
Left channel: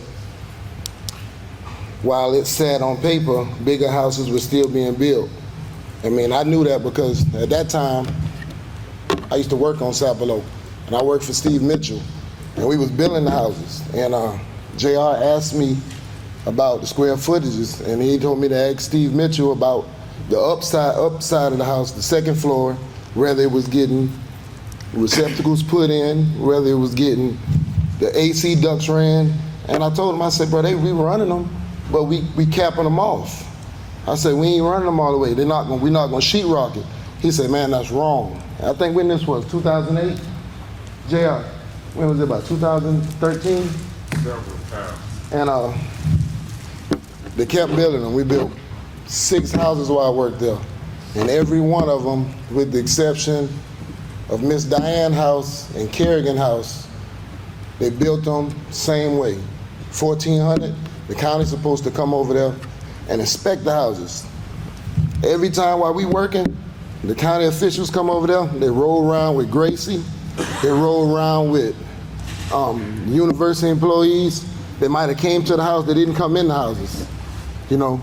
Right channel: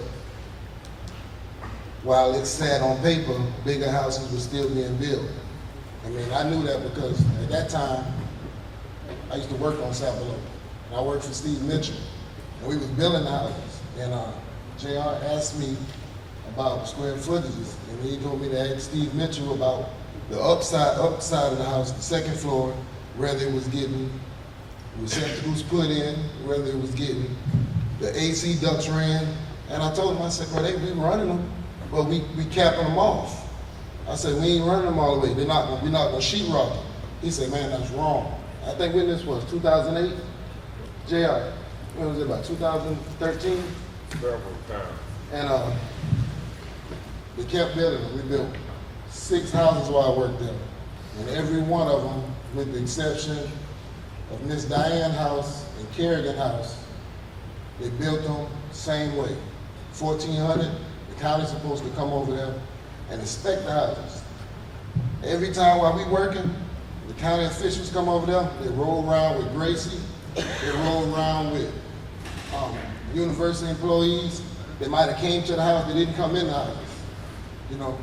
while it sat on paper, bigger houses were still being built. I mean, I knew that because at that time, I used to work on Sapelo, and I worked for Steve Mitchell, and we was building the houses. And JR asked me about the square footages, and he told me to ask Steve Mitchell about the upside of the house, the second floor, whether it was getting receptacles put in, whether it was getting the AC ducts ran. And I told him, I said, bro, we were running them, but we capping them off. I said, we ain't running them all the way. We're not gonna sheet rock it. He said, man, that's wrong. I think when this was, 2008? JR, when was it, about 2013? And they kept building them. We built 6 houses while I worked there. And every one of them, with the exception of Miss Diane House and Kerrigan House, they built them same way. 1,400, the county's supposed to come over there and inspect the houses. Every time while we working, the county officials come over there, they roll around with Gracie, they roll around with university employees. They might have came to the house, they didn't come in the houses, you know.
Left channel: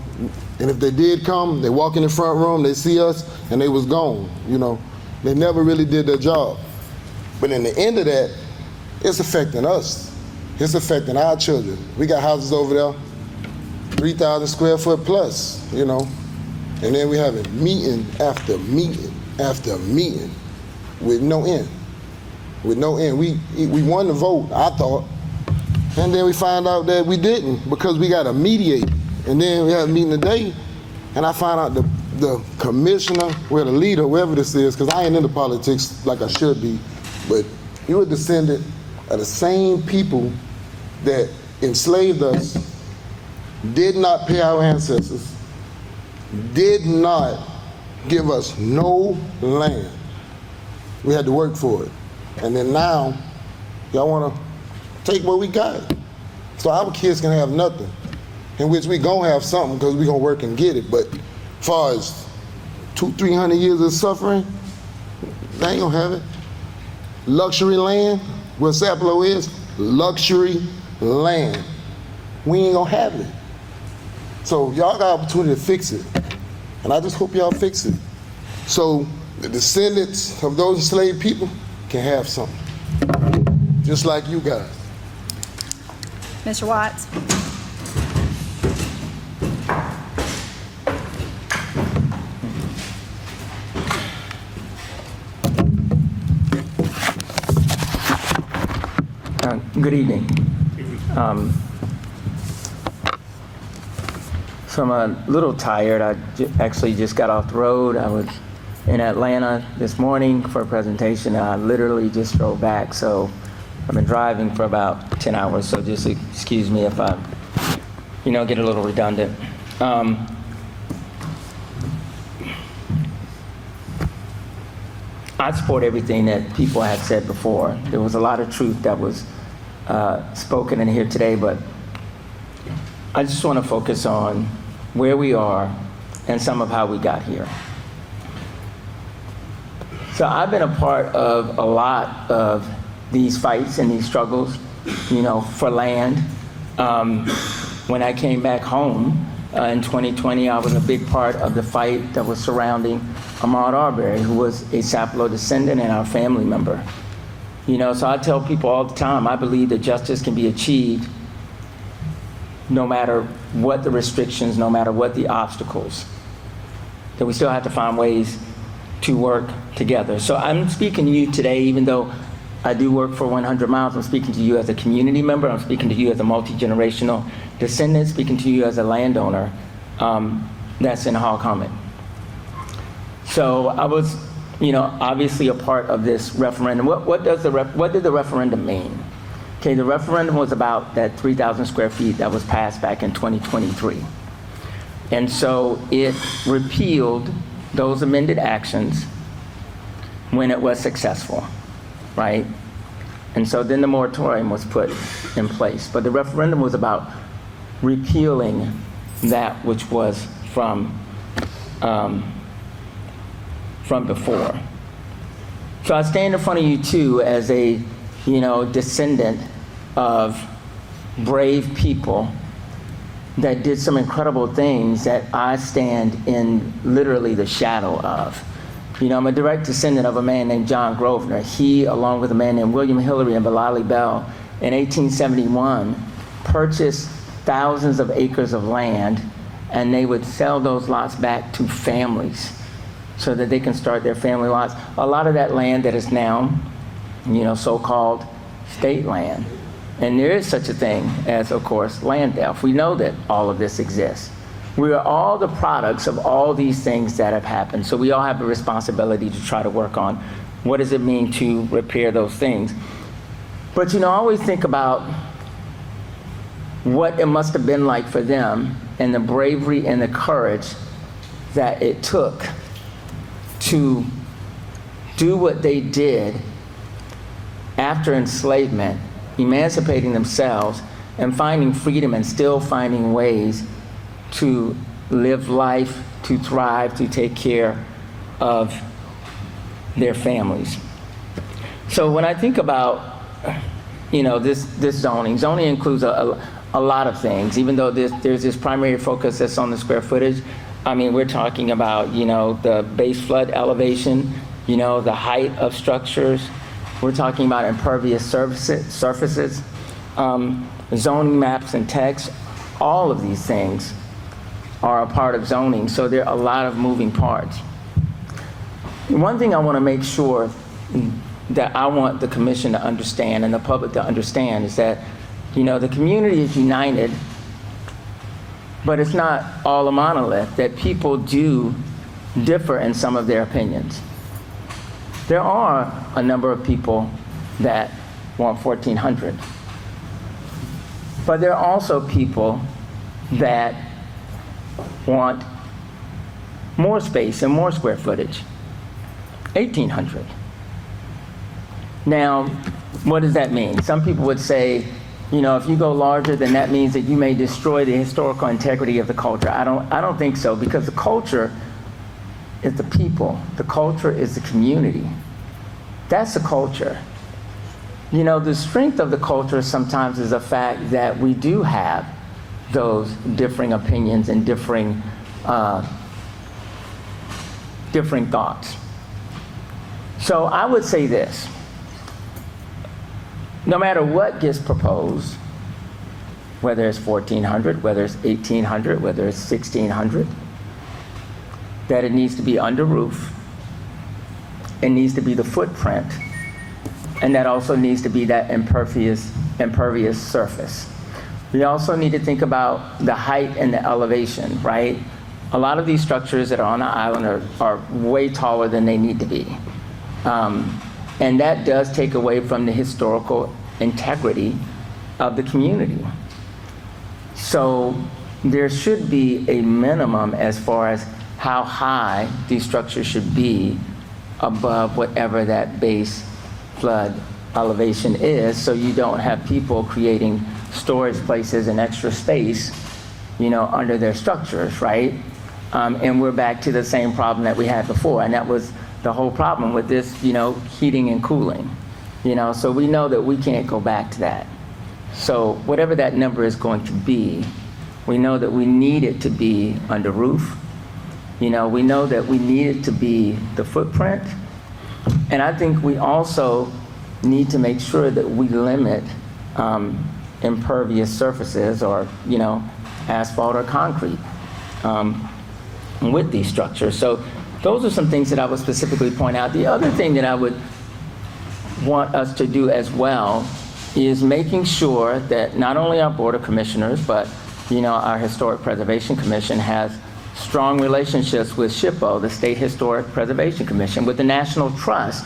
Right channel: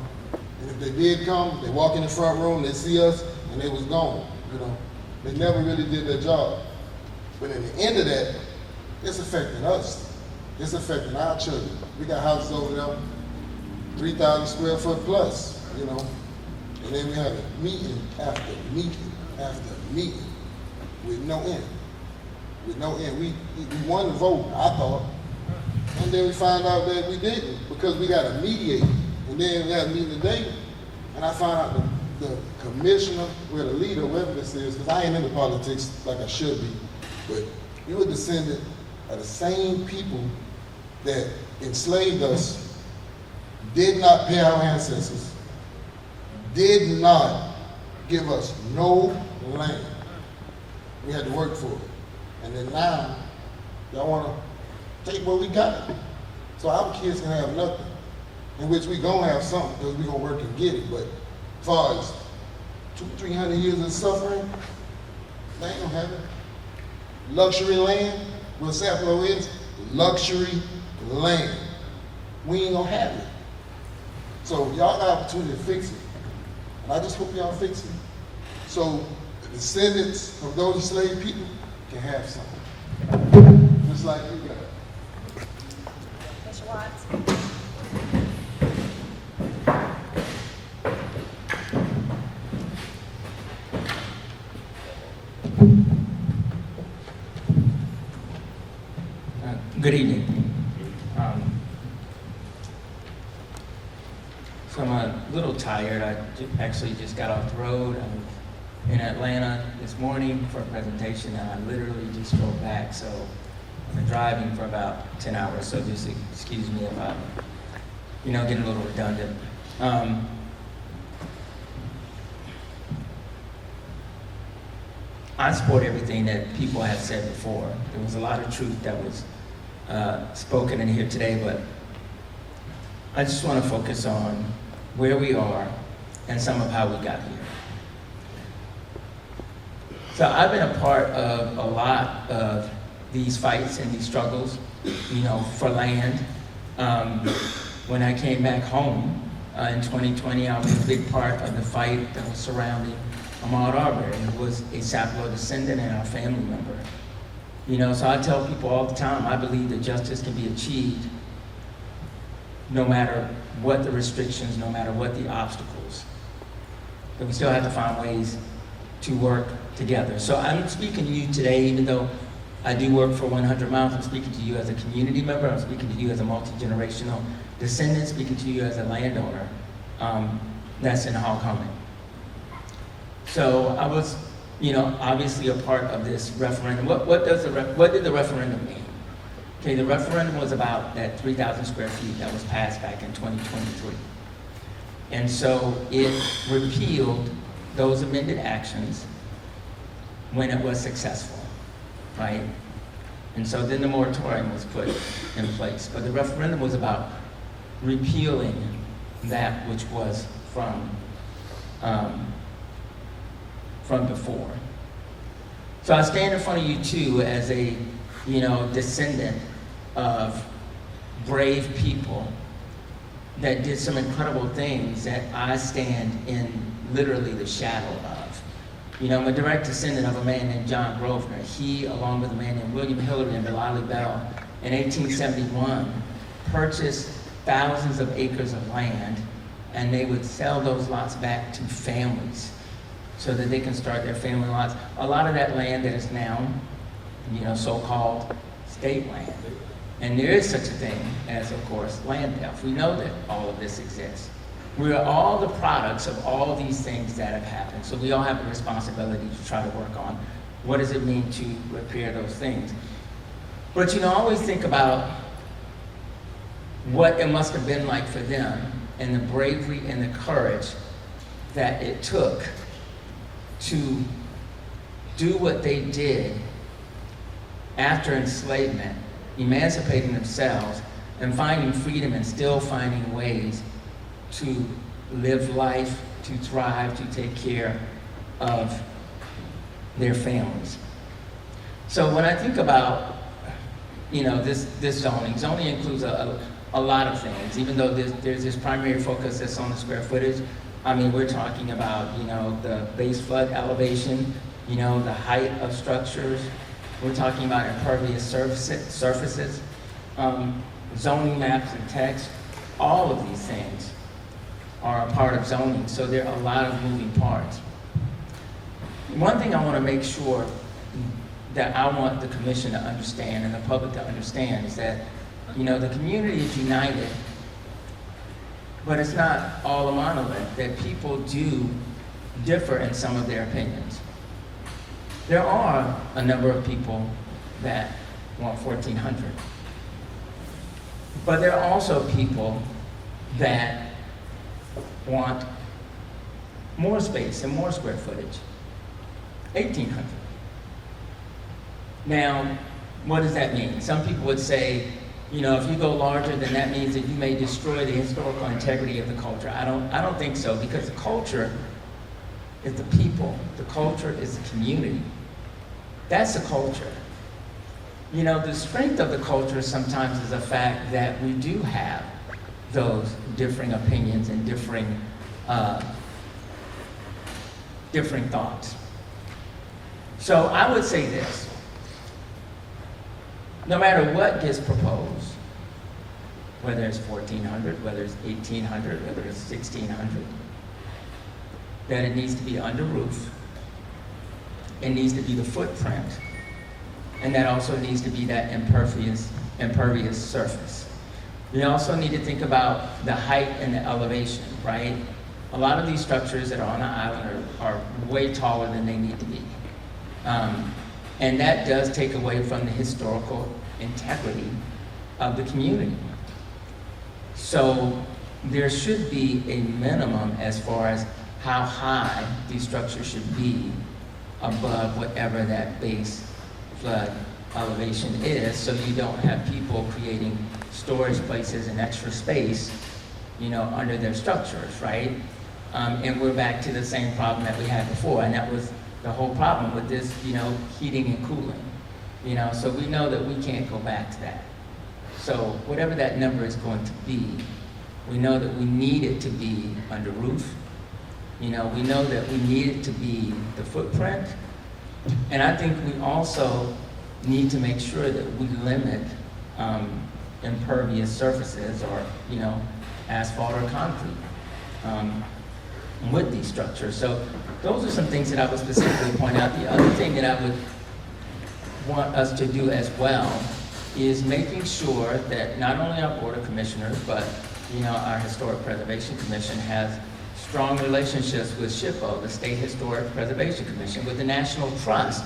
And if they did come, they walk in the front room, they see us, and they was gone, you know. They never really did their job. But in the end of that, it's affecting us. It's affecting our children. We got houses over there, 3,000 square foot plus, you know. And then we having meeting after meeting after meeting with no end. With no end. We won the vote, I thought. And then we find out that we didn't because we got to mediate. And then we had a meeting today, and I found out the commissioner, well, the leader, whoever this is, because I ain't into politics like I should be, but you a descendant of the same people that enslaved us, did not pay our ancestors, did not give us no land. We had to work for it. And then now, y'all want to take what we got. So our kids can have nothing, in which we gonna have something because we gonna work and get it. But as far as 200-300 years of suffering, they ain't gonna have it. Luxury land, what Sapelo is, luxury land. We ain't gonna have it. So y'all got opportunity to fix it. And I just hope y'all fix it. So the descendants of those enslaved people can have something. Just like you guys. Mr. Watts? Good evening. So I'm a little tired. I actually just got off the road. I was in Atlanta this morning for a presentation. I literally just drove back, so I've been driving for about 10 hours, so just excuse me if I, get a little redundant. I support everything that people have said before. There was a lot of truth that was spoken in here today, but I just want to focus on where we are and some of how we got here. So I've been a part of a lot of these fights and these struggles, for land. When I came back home in 2020, I was a big part of the fight that was surrounding Ahmaud Arbery, who was a Sapelo descendant and our family member. So I tell people all the time, I believe that justice can be achieved no matter what the restrictions, no matter what the obstacles, that we still have to find ways to work together. So I'm speaking to you today, even though I do work for 100 Miles, I'm speaking to you as a community member, I'm speaking to you as a multi-generational descendant, speaking to you as a landowner that's in Hall Common. So I was, obviously a part of this referendum. What did the referendum mean? Okay, the referendum was about that 3,000 square feet that was passed back in 2023. And so it repealed those amended actions when it was successful, right? And so then the moratorium was put in place. But the referendum was about repealing that which was from before. So I stand in front of you too as a, descendant of brave people that did some incredible things that I stand in literally the shadow of. I'm a direct descendant of a man named John Grosvenor. He, along with a man named William Hillary and Bilali Bell, in 1871, purchased thousands of acres of land, and they would sell those lots back to families so that they can start their family lots. A lot of that land that is now, so-called state land. And there is such a thing as, of course, land theft. We know that all of this exists. We are all the products of all these things that have happened. So we all have a responsibility to try to work on what does it mean to repair those things. But I always think about what it must have been like for them and the bravery and the courage that it took to do what they did after enslavement, emancipating themselves and finding freedom and still finding ways to live life, to thrive, to take care of their families. So when I think about, this zoning includes a lot of things, even though there's this primary focus that's on the square footage. We're talking about, the base flood elevation, the height of structures. We're talking about impervious surfaces, zoning maps and text. All of these things are a part of zoning, so there are a lot of moving parts. One thing I want to make sure that I want the commission to understand and the public to understand is that, the community is united, but it's not all a monolith, that people do differ in some of their opinions. There are a number of people that want 1,400. But there are also people that want more space and more square footage, 1,800. Now, what does that mean? Some people would say, if you go larger, then that means that you may destroy the historical integrity of the culture. I don't think so, because the culture is the people. The culture is the community. That's the culture. The strength of the culture sometimes is the fact that we do have those differing opinions and differing thoughts. So I would say this. No matter what gets proposed, whether it's 1,400, whether it's 1,800, whether it's 1,600, that it needs to be under roof, it needs to be the footprint, and that also needs to be that impervious surface. We also need to think about the height and the elevation, right? A lot of these structures that are on the island are way taller than they need to be. And that does take away from the historical integrity of the community. So there should be a minimum as far as how high these structures should be above whatever that base flood elevation is, so you don't have people creating storage places and extra space, under their structures, right? And we're back to the same problem that we had before, and that was the whole problem with this, heating and cooling. So we know that we can't go back to that. So whatever that number is going to be, we know that we need it to be under roof. We know that we need it to be the footprint. And I think we also need to make sure that we limit impervious surfaces or, asphalt or concrete with these structures. So those are some things that I would specifically point out. The other thing that I would want us to do as well is making sure that not only our Board of Commissioners, but, our Historic Preservation Commission has strong relationships with SHPO, the State Historic Preservation Commission, with the National Trust,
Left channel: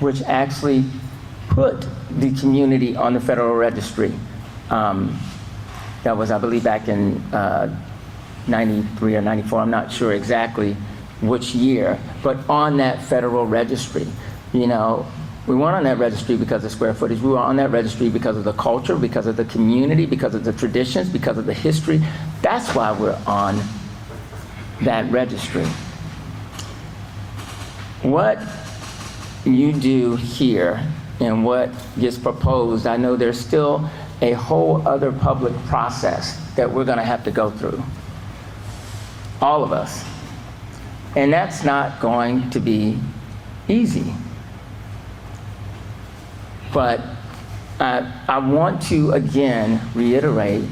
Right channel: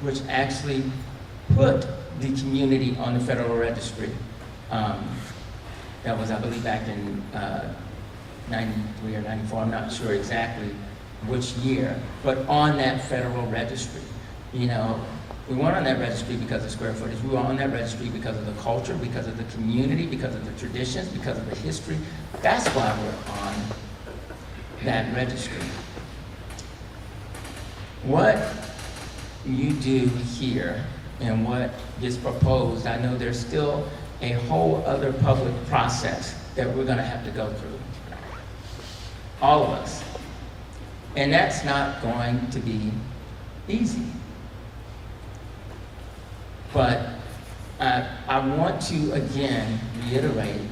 which actually put the community on the Federal Registry. That was, I believe, back in 93 or 94, I'm not sure exactly which year, but on that Federal Registry. We weren't on that registry because of square footage. We were on that registry because of the culture, because of the community, because of the traditions, because of the history. That's why we're on that registry. What you do here and what gets proposed, I know there's still a whole other public process that we're going to have to go through. All of us. And that's not going to be easy. But I want to, again, reiterate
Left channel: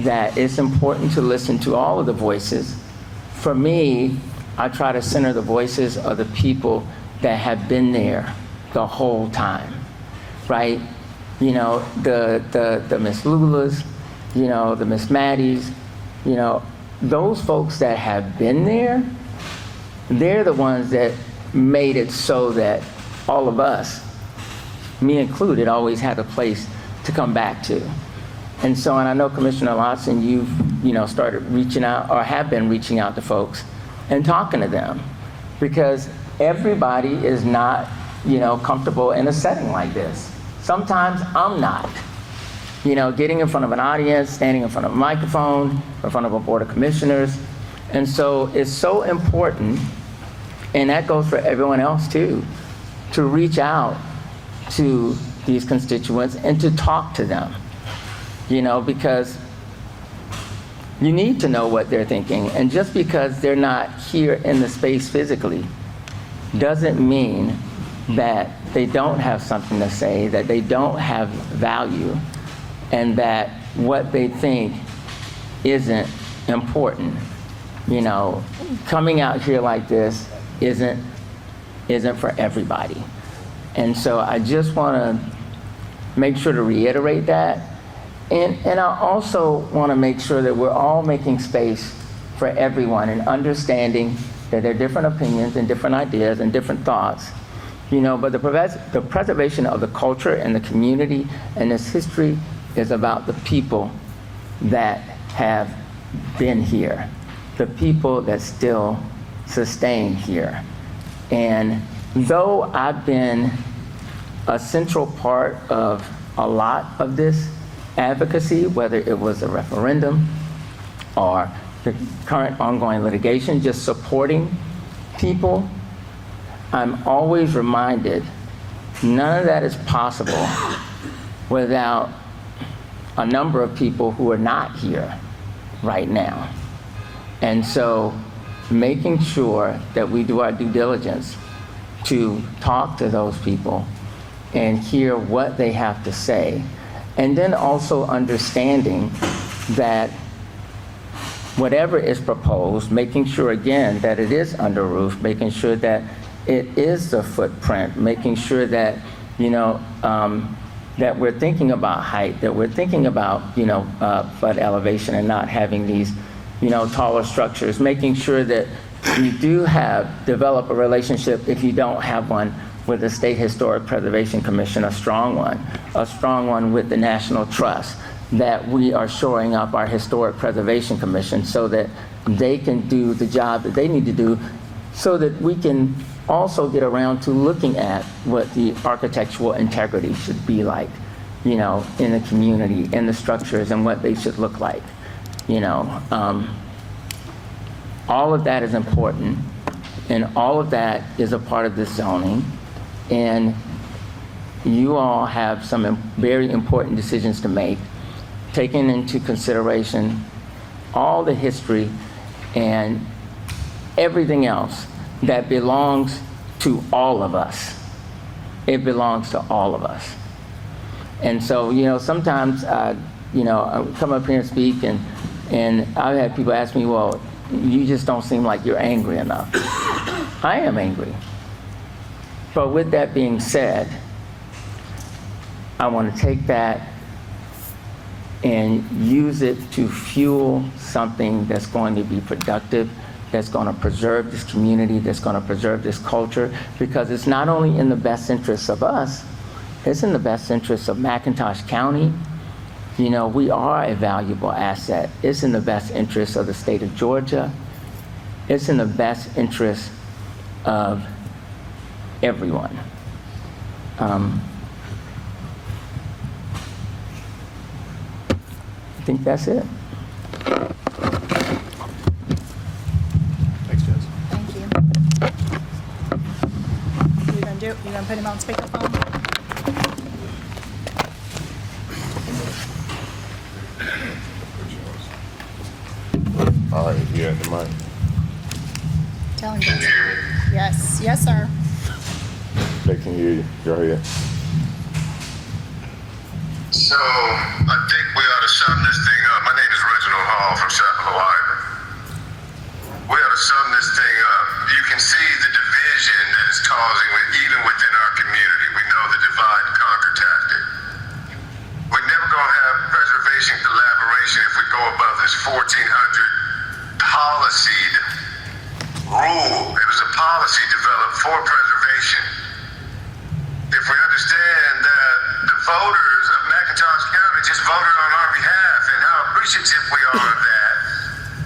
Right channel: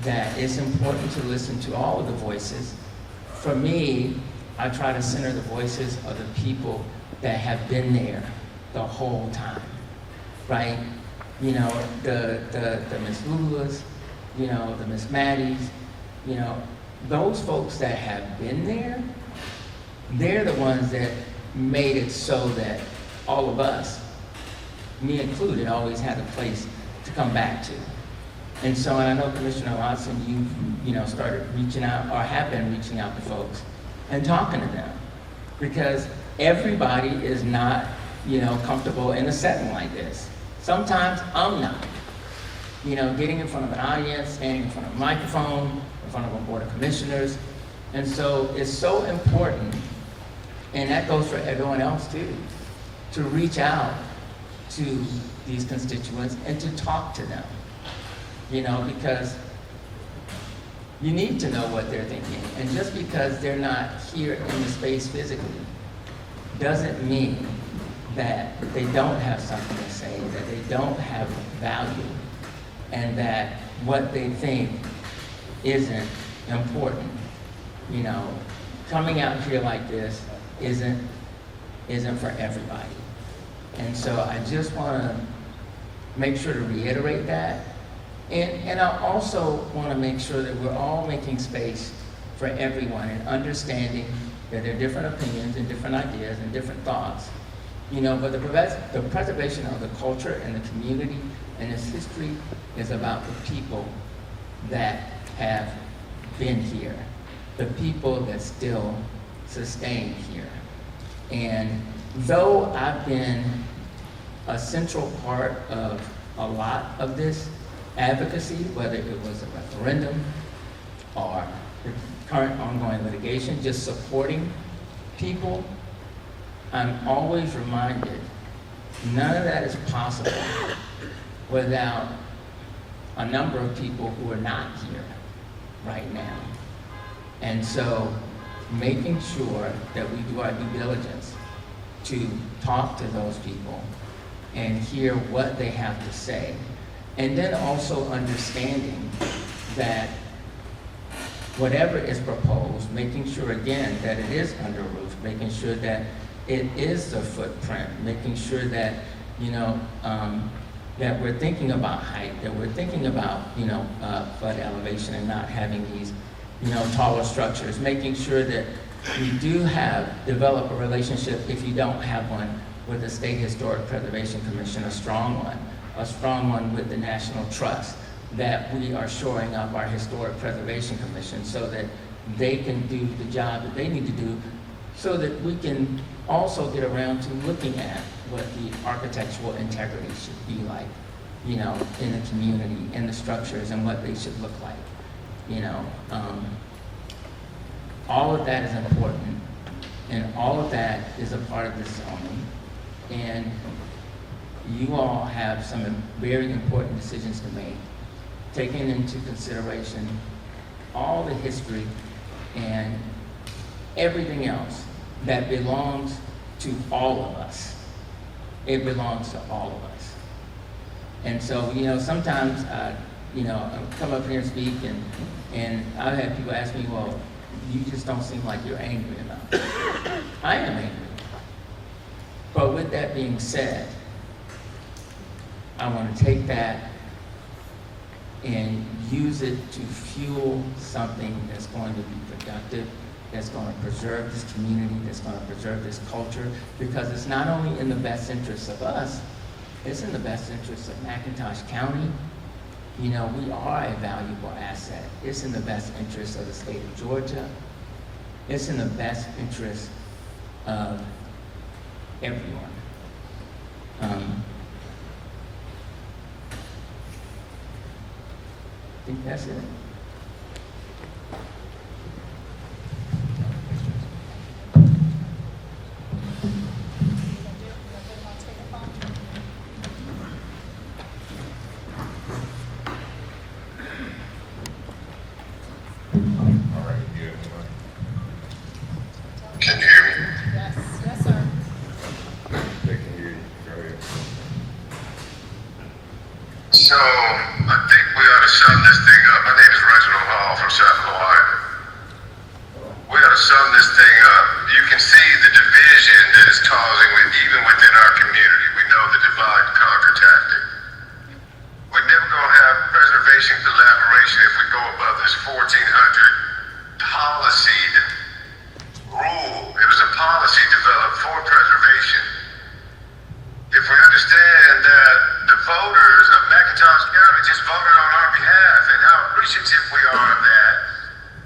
that it's important to listen to all of the voices. For me, I try to center the voices of the people that have been there the whole time, right? The Miss Lulas, the Miss Maddies, those folks that have been there, they're the ones that made it so that all of us, me included, always had a place to come back to. And so, and I know Commissioner Lawson, you've, started reaching out or have been reaching out to folks and talking to them, because everybody is not, comfortable in a setting like this. Sometimes I'm not. Getting in front of an audience, standing in front of a microphone, in front of a Board of Commissioners. And so it's so important, and that goes for everyone else too, to reach out to these constituents and to talk to them, because you need to know what they're thinking. And just because they're not here in the space physically doesn't mean that they don't have something to say, that they don't have value, and that what they think isn't important. You know, coming out here like this isn't for everybody. And so I just want to make sure to reiterate that. And I also want to make sure that we're all making space for everyone and understanding that there are different opinions and different ideas and different thoughts. You know, but the preservation of the culture and the community and its history is about the people that have been here, the people that still sustain here. And though I've been a central part of a lot of this advocacy, whether it was a referendum or the current ongoing litigation, just supporting people, I'm always reminded none of that is possible without a number of people who are not here right now. And so making sure that we do our due diligence to talk to those people and hear what they have to say, and then also understanding that whatever is proposed, making sure again that it is under roof, making sure that it is the footprint, making sure that, you know, that we're thinking about height, that we're thinking about, you know, flood elevation and not having these, you know, taller structures, making sure that we do develop a relationship, if you don't have one, with the State Historic Preservation Commission, a strong one with the National Trust, that we are shoring up our Historic Preservation Commission so that they can do the job that they need to do, so that we can also get around to looking at what the architectural integrity should be like, you know, in the community, in the structures, and what they should look like, you know. All of that is important, and all of that is a part of this zoning, and you all have some very important decisions to make, taking into consideration all the history and everything else that belongs to all of us. It belongs to all of us. And so, you know, sometimes, you know, I come up here and speak, and I've had people ask me, well, you just don't seem like you're angry enough. I am angry. But with that being said, I want to take that and use it to fuel something that's going to be productive, that's going to preserve this community, that's going to preserve this culture, because it's not only in the best interests of us, it's in the best interests of McIntosh County. You know, we are a valuable asset. It's in the best interests of the state of Georgia. It's in the best interest of everyone. I think that's it. Thanks, Jess. Thank you. You gonna do it? You gonna put him on speakerphone? All right, yeah, the mic. Tell him. Yes, yes, sir. They can hear you. Go ahead. So, I think we ought to sum this thing up. My name is Reginald Hall from Chapel, Ohio. We ought to sum this thing up. You can see the division that it's causing even within our community. We know the divide and conquer tactic. We're never going to have preservation collaboration if we go above this 1400 policied rule. It was a policy developed for preservation. If we understand that the voters of McIntosh County just voted on our behalf, and how appreciative we are of that,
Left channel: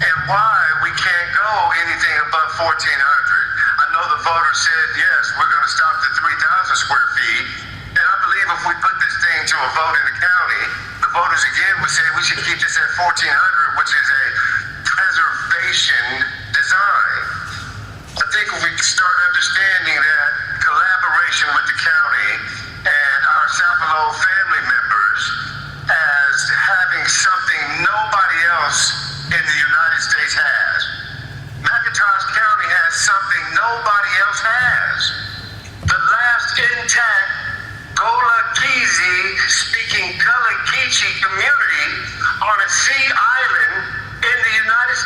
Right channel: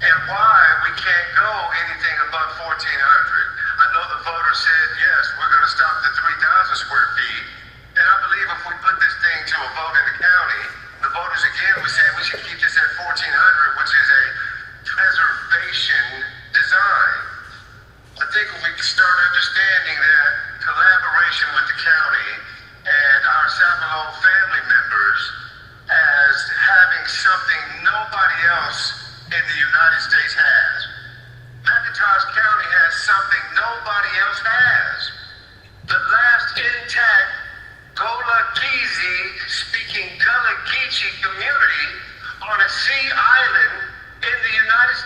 and why we can't go anything above 1,400. I know the voters said, yes, we're going to stop the 3,000 square feet, and I believe if we put this thing to a vote in the county, the voters again would say we should keep this at 1,400, which is a preservation design. I think if we start understanding that collaboration with the county and our Sapelo family members as having something nobody else in the United States has. McIntosh County has something nobody else has. The last intact Gullah-Geechee speaking Gullah-Geechee community on a sea island in the United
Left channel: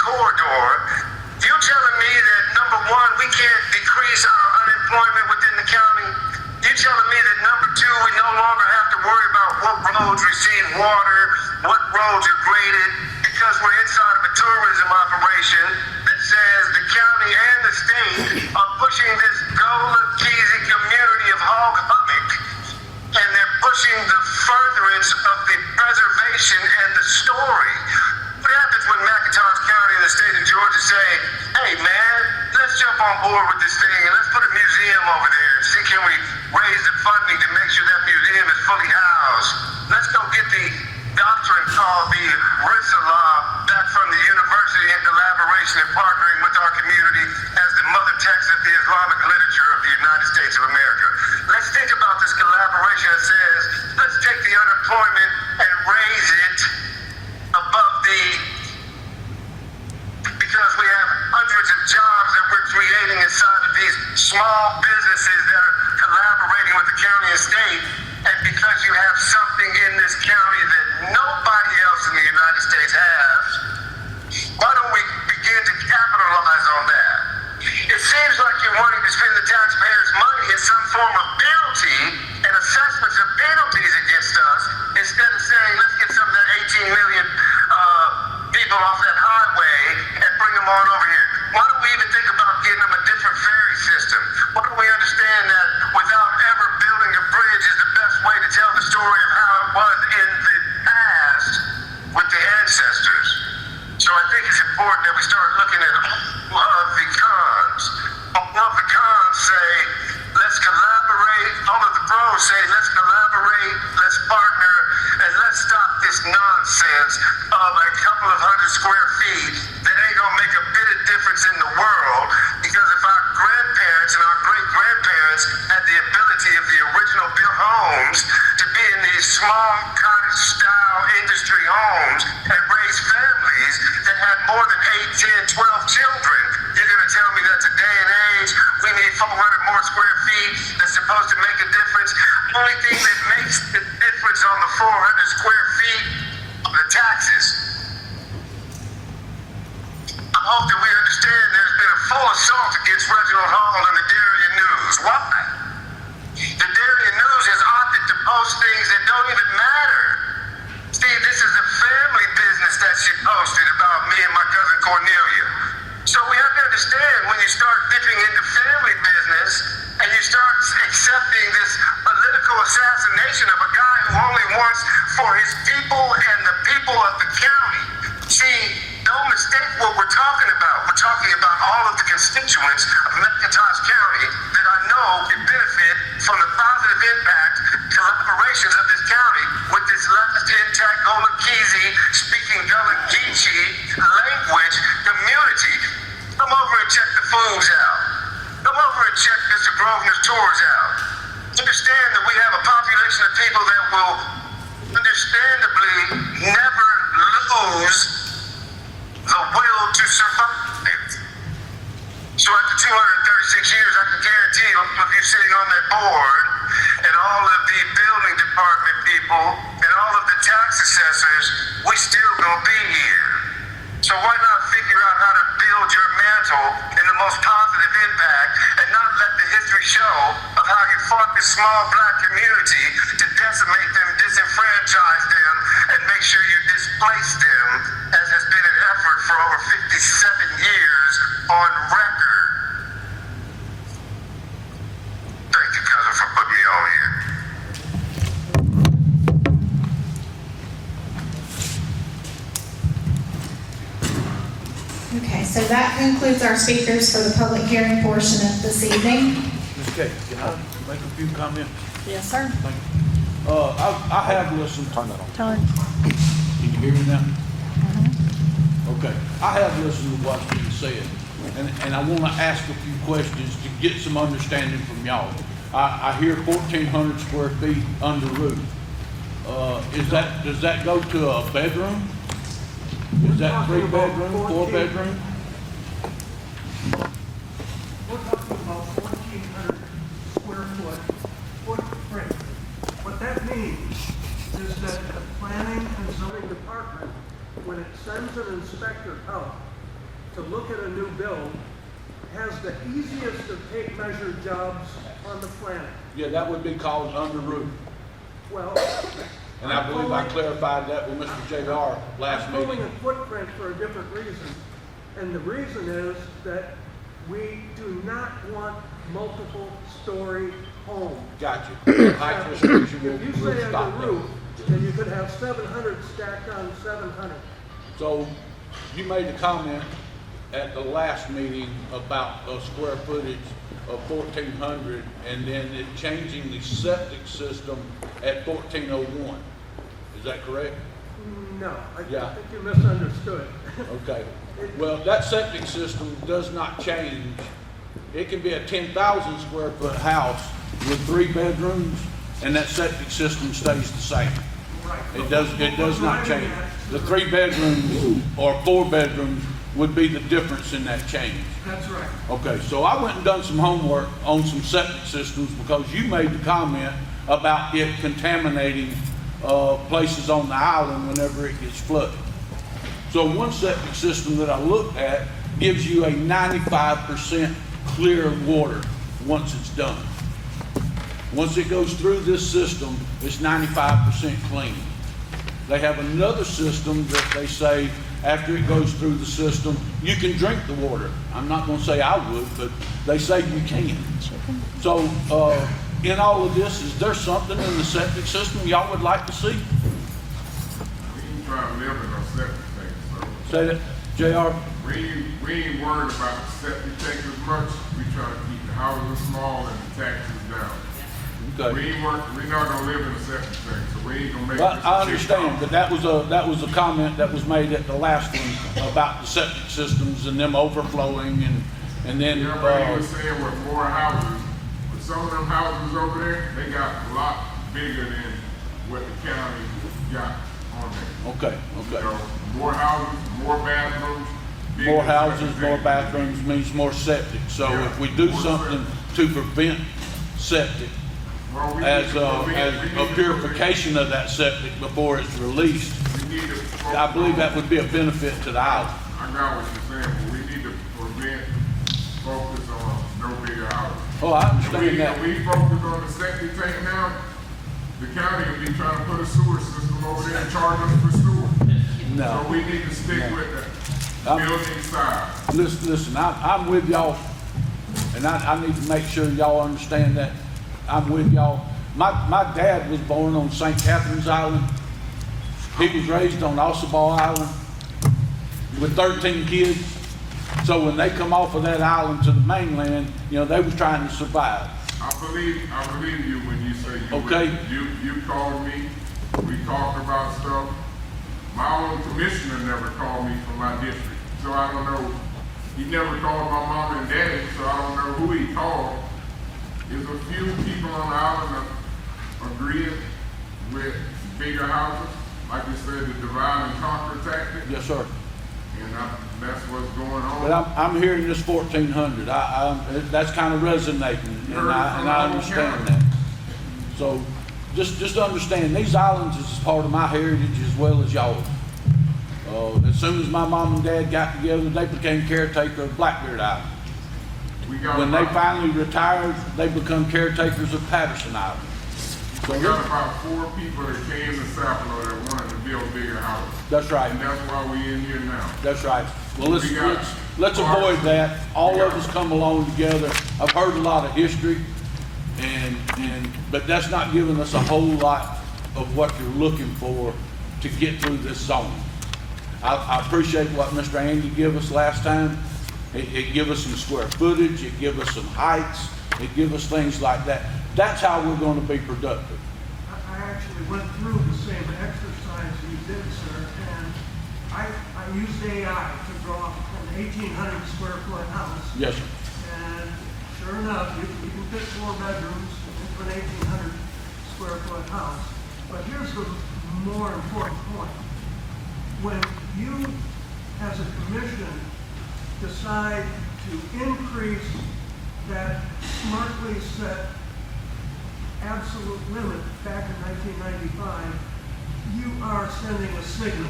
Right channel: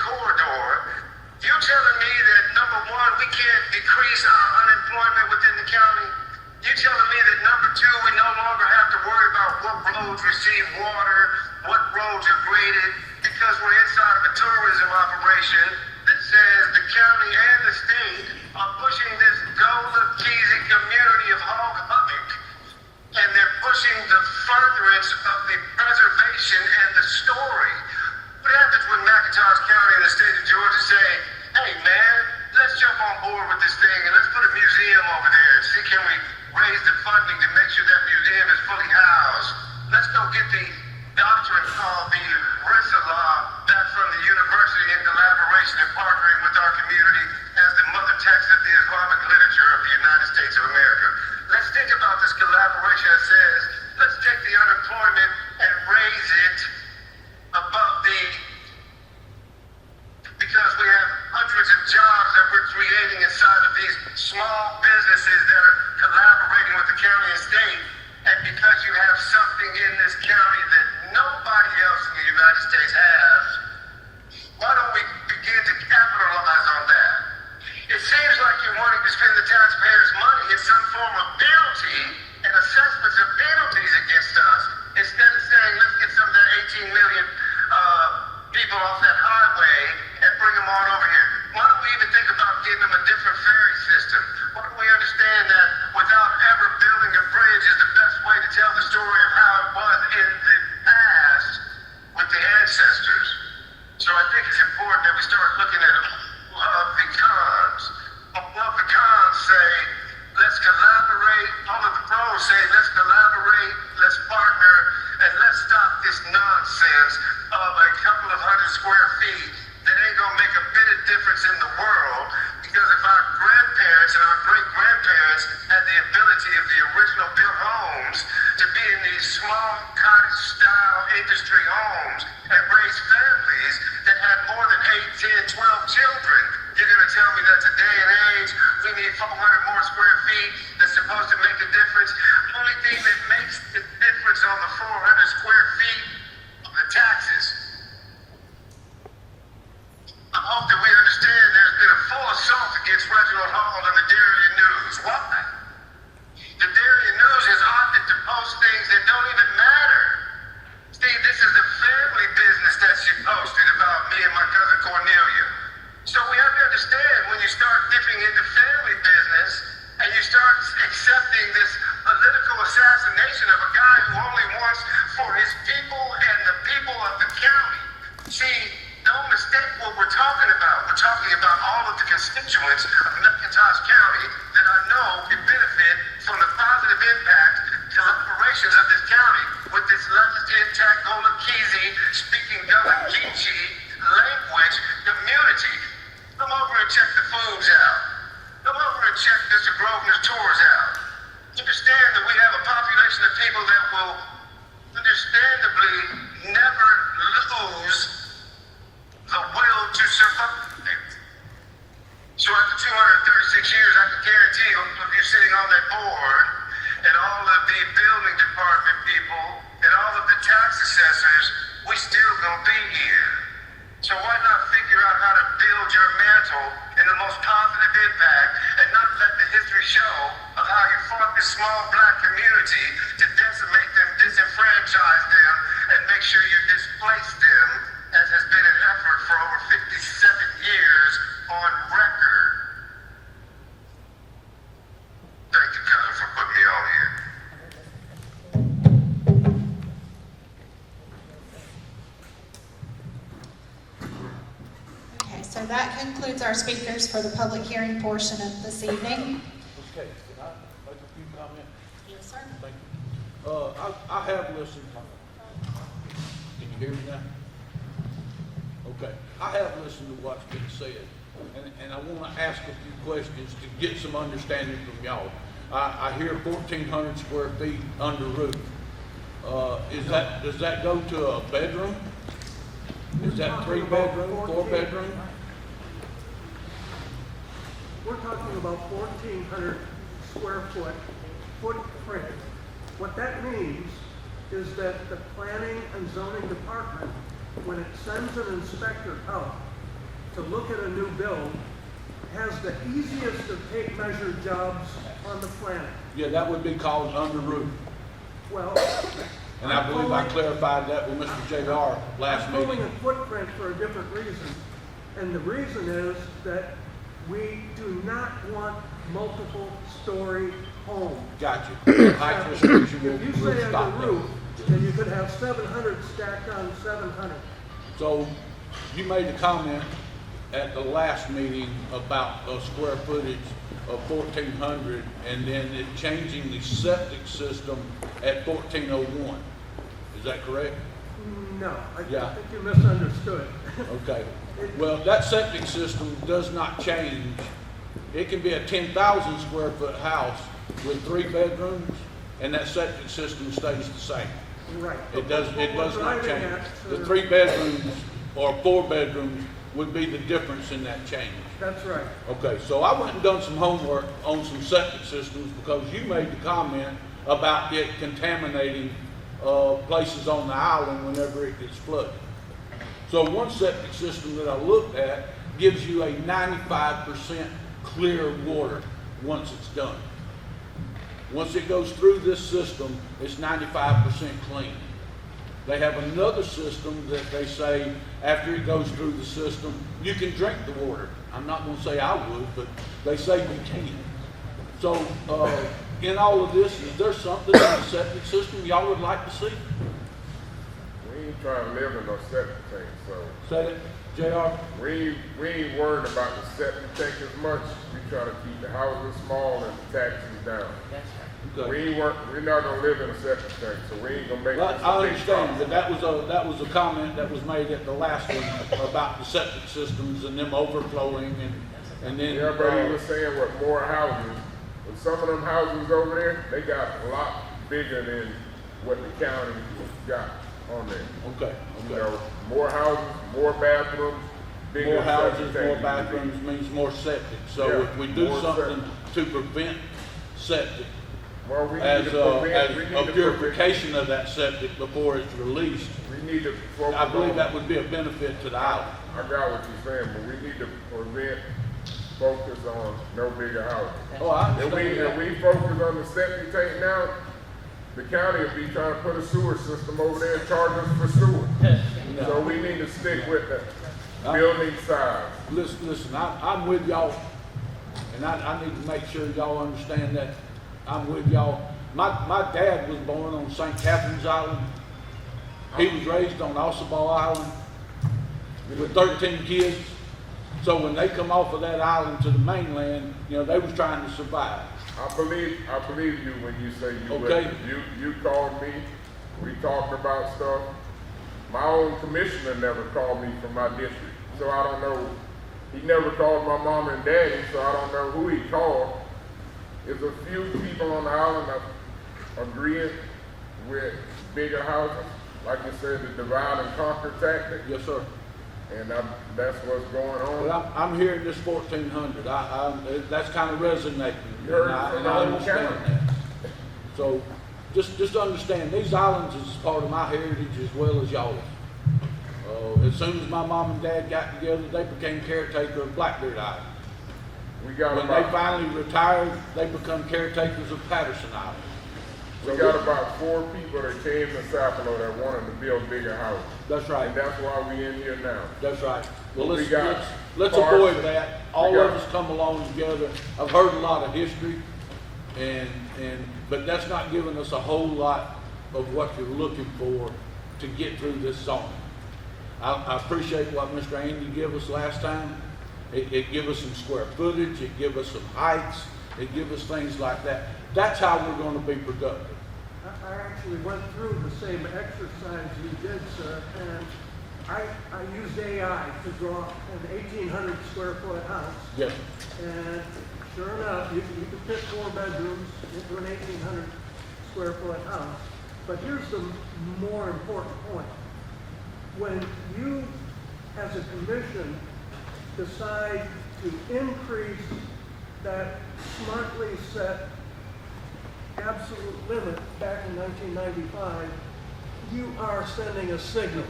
corridor. You telling me that, number one, we can't decrease our unemployment within the county? You telling me that, number two, we no longer have to worry about what roads receive water, what roads are graded, because we're inside of a tourism operation that says the county and the state are pushing this Gullah-Keezy community of Hog Hummock, and they're pushing the furtherance of the preservation and the story. What happens when McIntosh County and the state of Georgia say, hey man, let's jump on board with this thing and let's put a museum over there and see can we raise the funding to make sure that museum is fully housed. Let's go get the doctrine called the RISA law back from the university in collaboration and partnering with our community as the mother text of the Islamic literature of the United States of America. Let's think about this collaboration that says, let's take the unemployment and raise it above because we have hundreds of jobs that we're creating inside of these small businesses that are collaborating with the county and state, and because you have something in this county that nobody else in the United States has, why don't we begin to capitalize on that? It seems like you're wanting to spend the taxpayers' money in some form of penalty and assessments of penalties against us, instead of saying, let's get some of that 18 million people off that highway and bring them on over here. Why don't we even think about getting them a different ferry system? Why don't we understand that without ever building a bridge is the best way to tell the story of how it was in the past with the ancestors? So I think it's important that we start looking at all of the cons. All of the cons say, let's collaborate. All of the pros say, let's collaborate, let's partner, and let's stop this nonsense of a couple of 100 square feet that ain't gonna make a bit of difference in the world, because if our grandparents and our great-grandparents had the ability of the original built homes to be in these small cottage-style industry homes and raise families that had more than 8, 10, 12 children, you're gonna tell me that today and age we need 400 more square feet that's supposed to make a difference? Only thing that makes the difference on the 400 square feet are the taxes. I hope that we understand there's been a full assault against Reginald Hall and the Darien News. Why? The Darien News has opted to post things that don't even matter. Steve, this is a family business that she posted about me and my cousin Cornelia. So we have to understand, when you start dipping into family business and you start accepting this political assassination of a guy who only wants for his people and the people of the county. See, don't mistake what we're talking about. We're talking about all of the constituents of McIntosh County that I know can benefit from the positive impact collaborations of this county with this last intact Gullah-Keezy speaking Gullah-Geechee language community. Come over and check the foods out. Come over and check Mr. Grosvenor's tours out. Understand that we have a population of people that will understandably never lose the will to survive. So after 236 years, I can guarantee you, if you're sitting on that board, and all of the building department people, and all of the tax assessors, we still gonna be here. So why not figure out how to build your mantle in the most positive impact, and not let the history show of how you fought this small black community to decimate them, disenfranchise them, and make sure you displace them, as has been an effort for over 57 years on record. Thank you, cousin, for putting me on here. Okay, so that concludes our speakers for the public hearing portion of this evening. Ms. Kate, can I make a few comments? Yes, sir. Thank you. I have listened. Turn that on. Turn. Can you hear me now? Okay. I have listened to what's being said, and I want to ask a few questions to get some understanding from y'all. I hear 1,400 square feet under roof. Does that go to a bedroom? Is that 3 bedroom, 4 bedroom? We're talking about 1,400 square foot footprint. What that means is that the planning and zoning department, when it sends an inspector out to look at a new build has the easiest of tape measure jobs on the planet. Yeah, that would be called under roof. Well, And I believe I clarified that with Mr. JR last I'm pulling meeting. a footprint for a different reason. And the reason is that we do not want multiple story homes. Got you. Height restriction If you will say on stop the that. roof, then you could have 700 stacked on 700. So you made a comment at the last meeting about a square footage of 1,400 and then it changing the septic system at 1,401. Is that correct? No, I Yeah. think you misunderstood. Okay. Well, that septic system does not change. It can be a 10,000 square foot house with 3 bedrooms and that septic system stays the same. Right. It does not change. The 3 bedrooms or 4 bedrooms would be the difference in that change. That's right. Okay, so I went and done some homework on some septic systems because you made the comment about it contaminating places on the island whenever it gets flooded. So one septic system that I looked at gives you a 95% clear water once it's done. Once it goes through this system, it's 95% clean. They have another system that they say after it goes through the system, you can drink the water. I'm not going to say I would, but they say you can. So in all of this, is there something in the septic system y'all would like to see? We ain't trying to live in a septic tank, so. Say that, JR? We ain't worried about the septic tank as much. We trying to keep the houses small and the taxes down. Okay. We're not gonna live in a septic tank, so we ain't gonna make. But I understand that that was a comment that was made at the last one about the septic systems and them overflowing and then. Yeah, but he was saying with more houses, with some of them houses over there, they got a lot bigger than what the county got on there. Okay, You okay. know, more houses, more bathrooms. bigger More septic houses, tank. more bathrooms means more septic. So Yeah, if we do more something to prevent septic, Well, we as need to a prevent- purification of that septic before it's released, we need to focus I believe on- that would be a benefit to the island. I got what you're saying, but we need to prevent, focus on no bigger houses. Oh, I If we, understand that. if we focus on the septic tank now, the county will be trying to put a sewer system over there and charge us for sewer. So No. we need to stick with the building side. Listen, I'm with y'all, and I need to make sure y'all understand that I'm with y'all. My dad was born on St. Catherine's Island. He was raised on Ossabaw Island with 13 kids. So when they come off of that island to the mainland, you know, they was trying to survive. I believe you when you say you. Okay. You called me, we talked about stuff. My own commissioner never called me from my district, so I don't know. He never called my mom and daddy, so I don't know who he called. There's a few people on the island agreeing with bigger houses, like I said, the divide and conquer tactic, Yes, sir. and that's what's going on. But I'm hearing this 1,400. That's kind of resonating, and I understand that. So just understand, these islands is part of my heritage as well as y'all. As soon as my mom and dad got together, they became caretaker of Blackbeard Island. We got When they about, finally retired, they become caretakers of Patterson Island. we got about 4 people that came to Sapelo that wanted to build bigger houses. That's right. And that's why we in here now. That's right. Well, We got let's parks. avoid that. All We of got- us come along together. I've heard a lot of history, but that's not giving us a whole lot of what you're looking for to get through this zone. I appreciate what Mr. Andy gave us last time. It gave us some square footage, it gave us some heights, it gave us things like that. That's how we're gonna be productive. I actually went through the same exercise you did, sir, and I used AI to draw an 1,800 square foot house. Yes, sir. And sure enough, you can fit 4 bedrooms into an 1,800 square foot house. But here's the more important point. When you, as a commission, decide to increase that smartly set absolute limit back in 1995, you are sending a signal.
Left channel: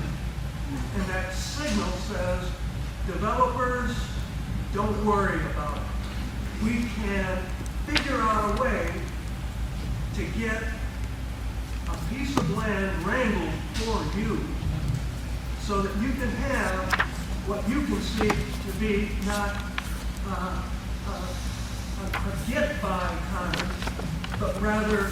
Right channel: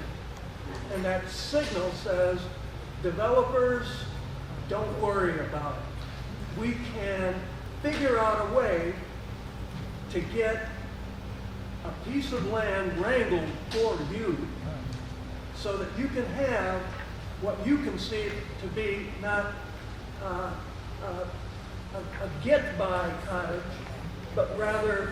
And that signal says developers, don't worry about it. We can figure out a way to get a piece of land wrangled for you so that you can have what you conceive to be not a get-by kind of, but rather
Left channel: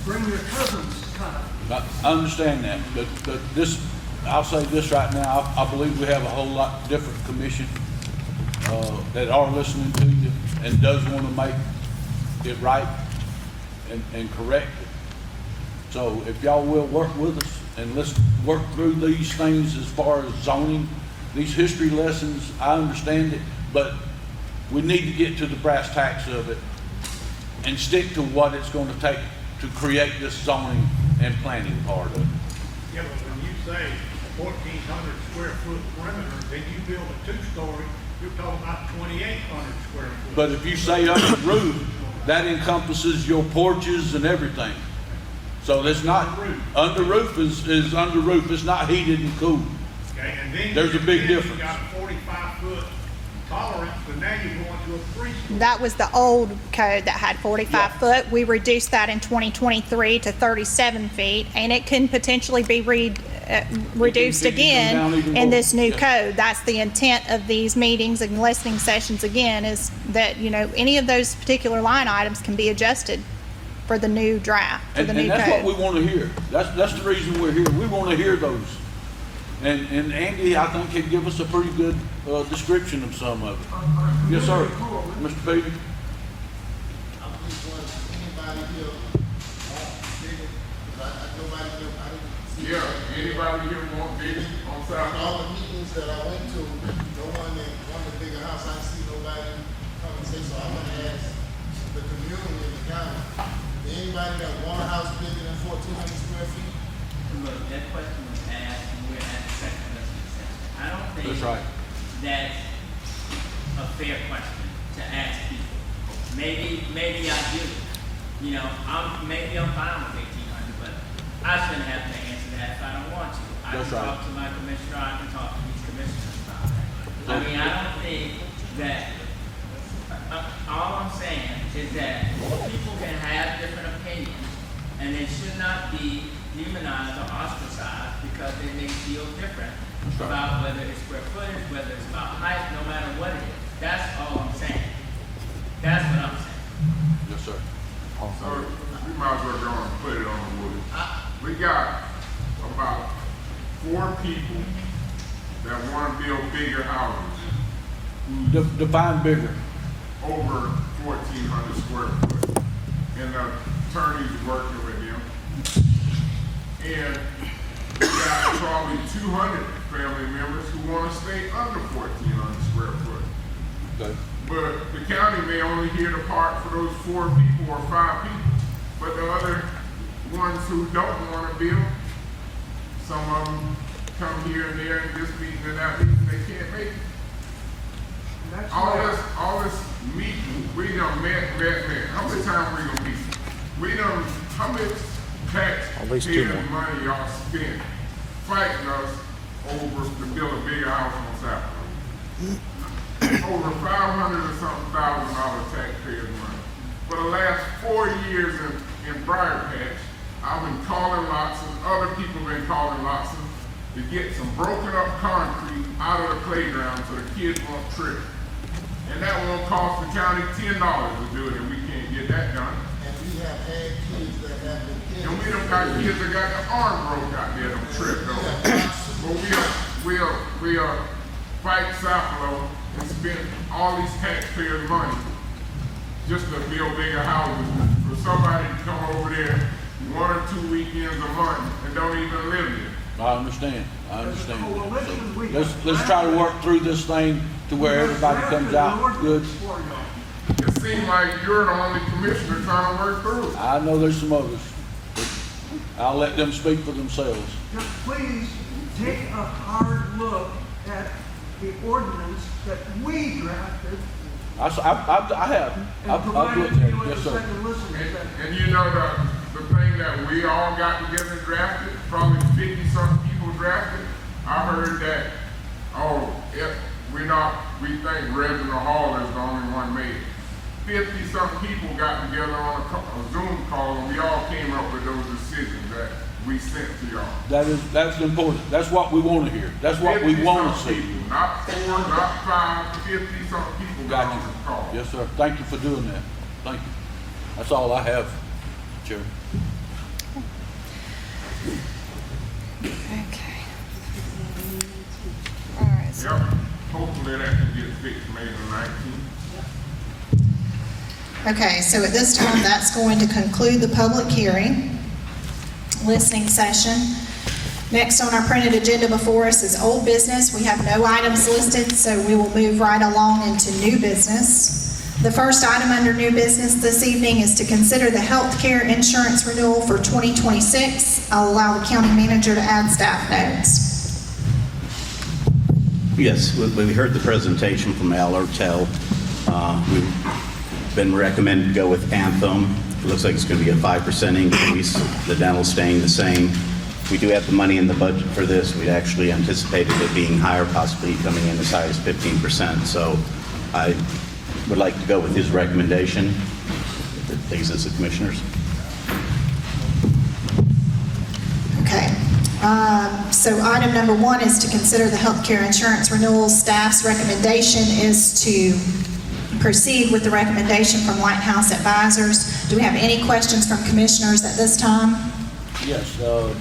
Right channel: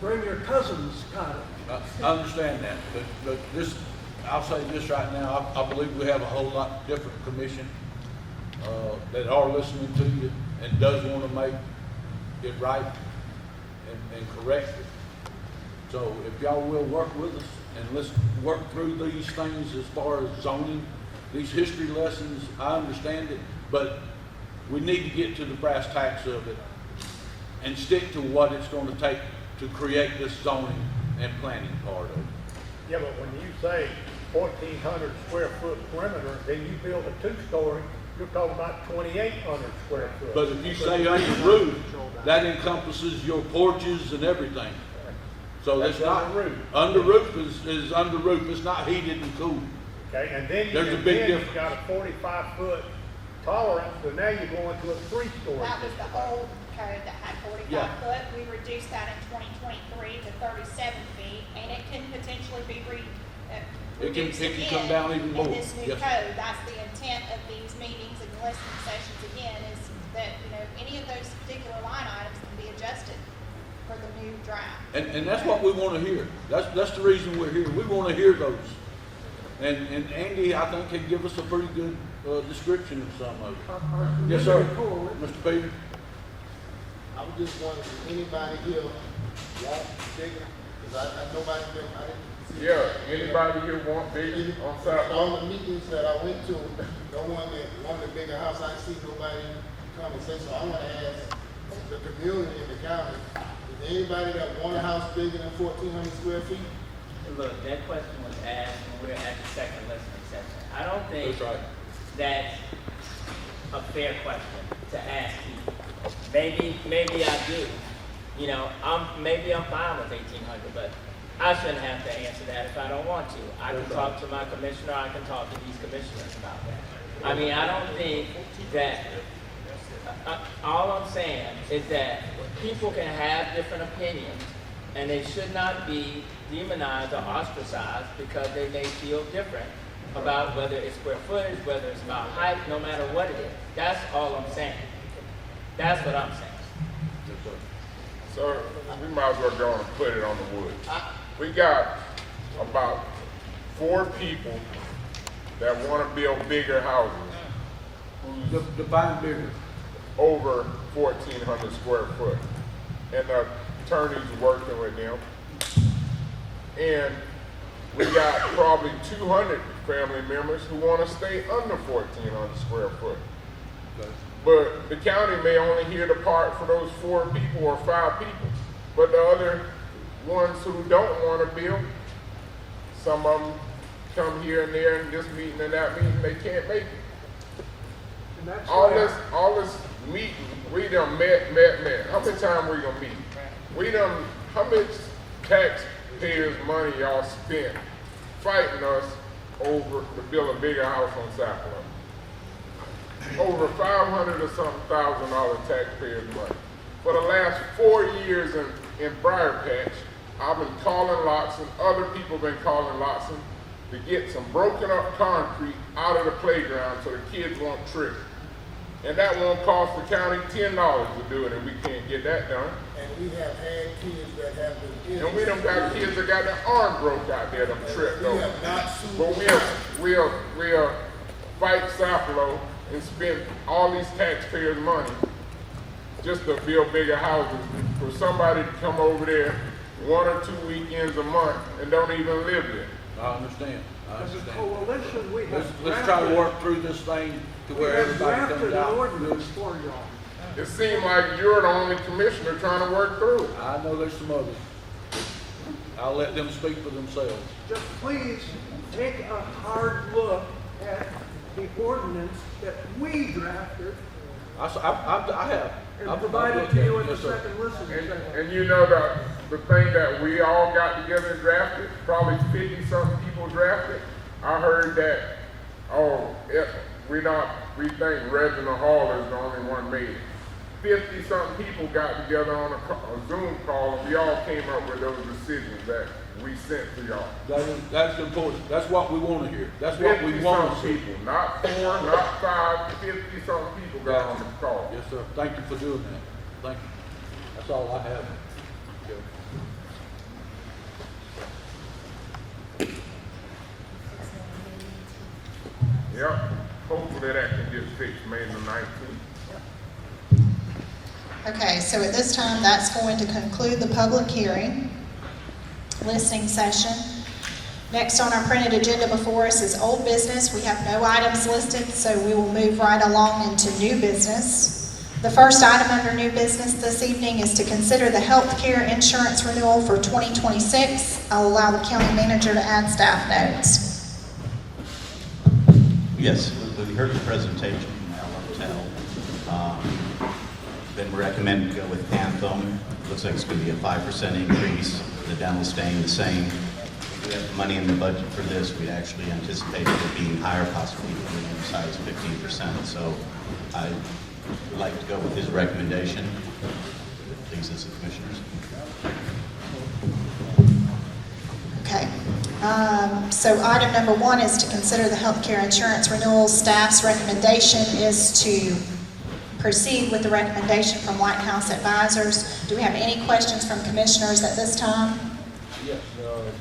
bring your cousins kind of. I understand that, but this, I'll say this right now, I believe we have a whole lot different commission that are listening to you and does want to make it right and correct it. So if y'all will work with us and let's work through these things as far as zoning, these history lessons, I understand it, but we need to get to the brass tacks of it and stick to what it's going to take to create this zoning and planning part of it. Yeah, but when you say 1,400 square foot perimeter, then you build a two-story, you're talking about 2,800 square foot. But if you say under roof, that encompasses your porches and everything. So it's not, under roof is under roof, it's not heated and cooled. Okay, and then There's a big difference. You got a 45-foot tolerance, but now you're going to a three-story. That was the old code that had 45 foot. We reduced that in 2023 to 37 feet, and it can potentially be reduced it can come down again even in more. this new Yeah. code. That's the intent of these meetings and listening sessions again, is that, you know, any of those particular line items can be adjusted for the new draft, for And the new that's what we code. want to hear. That's the reason we're here. We want to hear those. And Andy, I think, can give us a pretty good description of some of it. Yes, sir. Mr. Peters? I'm just wondering, if anybody here want bigger, because I nobody here, Yeah, anybody here want bigger on South Lawn? all the meetings that I went to, no one that wanted a bigger house, I see nobody come and say, so I'm gonna ask the community in the county, anybody that want a house bigger than 1,400 square feet? Look, that question was asked, and we're at the second listening session. I don't think That's right. that's a fair question to ask people. Maybe I do. You know, maybe I'm fine with 1,800, but I shouldn't have to answer that if I don't want to. I can That's right. talk to my commissioner, I can talk to these commissioners about that. I mean, I don't think that, all I'm saying is that people can have different opinions, and they should not be demonized or ostracized because they may feel different about whether it's square footage, whether it's about height, no matter what it is. That's all I'm saying. That's what I'm saying. Yes, sir. So we might as well go and put it on the wood. We got about 4 people that want to build bigger houses Define bigger. over 1,400 square foot. And the attorney's working with them. And we got probably 200 family members who want to stay under 1,400 square foot. Okay. But the county may only hear the part for those 4 people or 5 people. But the other ones who don't want to build, some of them come here and there and this meeting and that meeting, they can't make it. All this meeting, we done met. How many times we gonna meet? We done, how much taxpayers' money y'all spent fighting us over to build a bigger house on South Lawn? Over 500 or something $1,000 taxpayers' money. For the last 4 years in Briar Patch, I've been calling Loxton, other people been calling Loxton to get some broken up concrete out of the playground so the kids won't trip. And that won't cost the county $10 to do it, and we can't get that done. And we have had kids that have been killed. And we done got kids that got the arm broke out there, them tripped over. But we'll fight Sapelo and spend all these taxpayers' money just to build bigger houses for somebody to come over there 1 or 2 weekends a month and don't even live there. I understand. Let's try to work through this thing to where everybody comes out good. It seems like you're the only commissioner trying to work through it. I know there's some others. I'll let them speak for themselves. Just please take a hard look at the ordinance that we drafted I have. and I've provided looked to at you it. at the Yes, sir. second listening session. And you know the thing that we all got together and drafted, probably 50-something people drafted. I heard that we think Reginald Hall is the only one made it. 50-something people got together on a Zoom call, and we all came up with those decisions that we sent to y'all. That's important. That's what we want to hear. That's what we want to 50-something see. people, not 4, not 5, 50-something people got on the call. Yes, sir. Thank you for doing that. Thank you. That's all I have, Chairman. Okay. All right. Yep, hopefully that can get fixed May the 19th. Okay, so at this time, that's going to conclude the public hearing, listening session. Next on our printed agenda before us is old business. We have no items listed, so we will move right along into new business. The first item under new business this evening is to consider the health care insurance renewal for 2026. I'll allow the county manager to add staff notes. Yes, we heard the presentation from Al Ortel. We've been recommended to go with Anthem. It looks like it's going to be a 5% increase. The dental staying the same. We do have the money in the budget for this. We actually anticipated it being higher, possibly coming in as high as 15%. So I would like to go with his recommendation. It pleases the commissioners. Okay. So item number 1 is to consider the healthcare insurance renewal. Staff's recommendation is to proceed with the recommendation from White House Advisors. Do we have any questions from commissioners at this time? Yes, dental.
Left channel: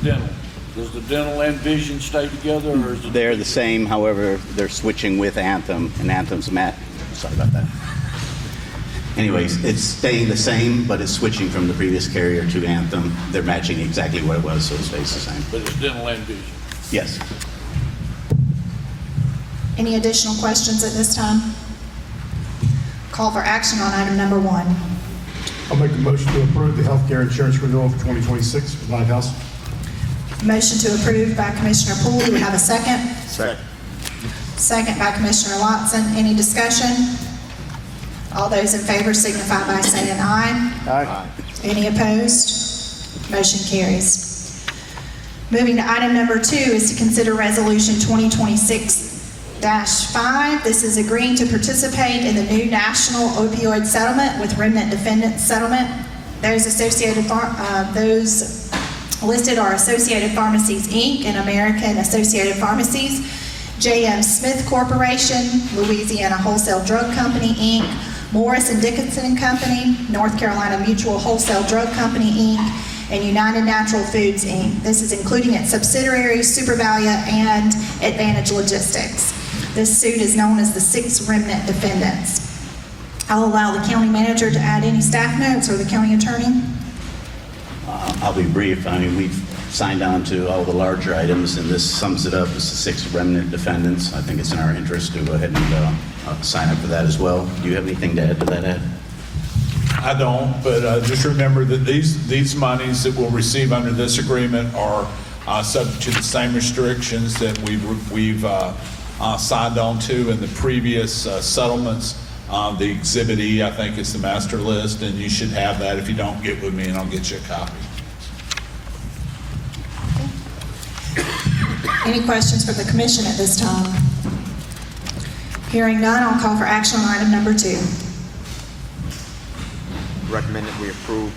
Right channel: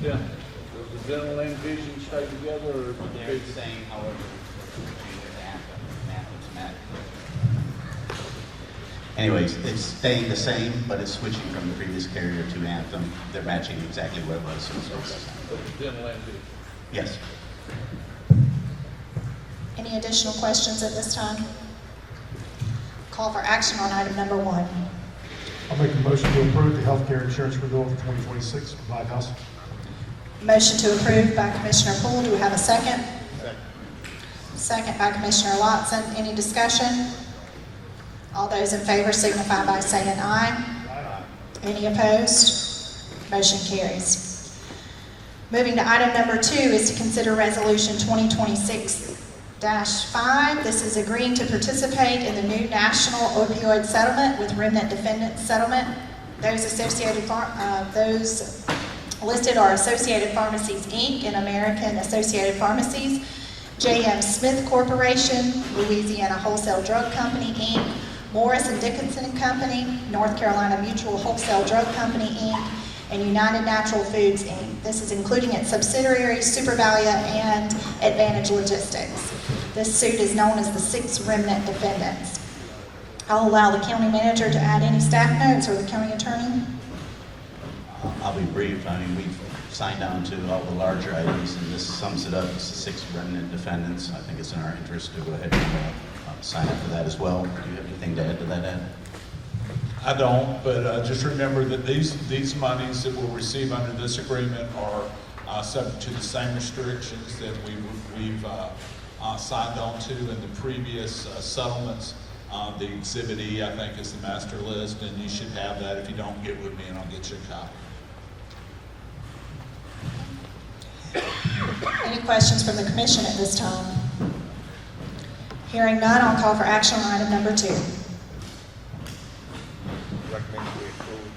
Does the dental and vision stay together, or is it? They're the same, however, they're switching with Anthem, and Anthem's sorry about that. Anyways, it's staying the same, but it's switching from the previous carrier to Anthem. They're matching exactly what it was, so it stays the same. But it's dental and vision. Yes. Any additional questions at this time? Call for action on item number 1. I'll make a motion to approve the healthcare insurance renewal for 2026 with White House. Motion to approve by Commissioner Poole. Do we have a second? Second. Second by Commissioner Watson. Any discussion? All those in favor signify by saying aye. Aye. Any opposed? Motion carries. Moving to item number 2 is to consider resolution 2026-5. This is agreeing to participate in the new national opioid settlement with Remnant Defendants Settlement. Those listed are Associated Pharmacies, Inc. and American Associated Pharmacies, J.M. Smith Corporation, Louisiana Wholesale Drug Company, Inc., Morris and Dickinson Company, North Carolina Mutual Wholesale Drug Company, Inc., and United Natural Foods, Inc. This is including its subsidiaries, SuperValia and Advantage Logistics. This suit is known as the 6 Remnant Defendants. I'll allow the county manager to add any staff notes or the county attorney. I'll be brief. I mean, we've signed on to all the larger items, and this sums it up as the 6 remnant defendants. I think it's in our interest to go ahead and sign up for that as well. Do you have anything to add to that, Ed? I don't, but just remember that these monies that we'll receive under this agreement are subject to the same restrictions that we've signed on to in the previous settlements. The Exhibit E, I think, is the master list, and you should have that. If you don't, get with me and I'll get you a copy. Any questions from the commission at this time? Hearing none, I'll call for action on item number 2. Recommend that we approve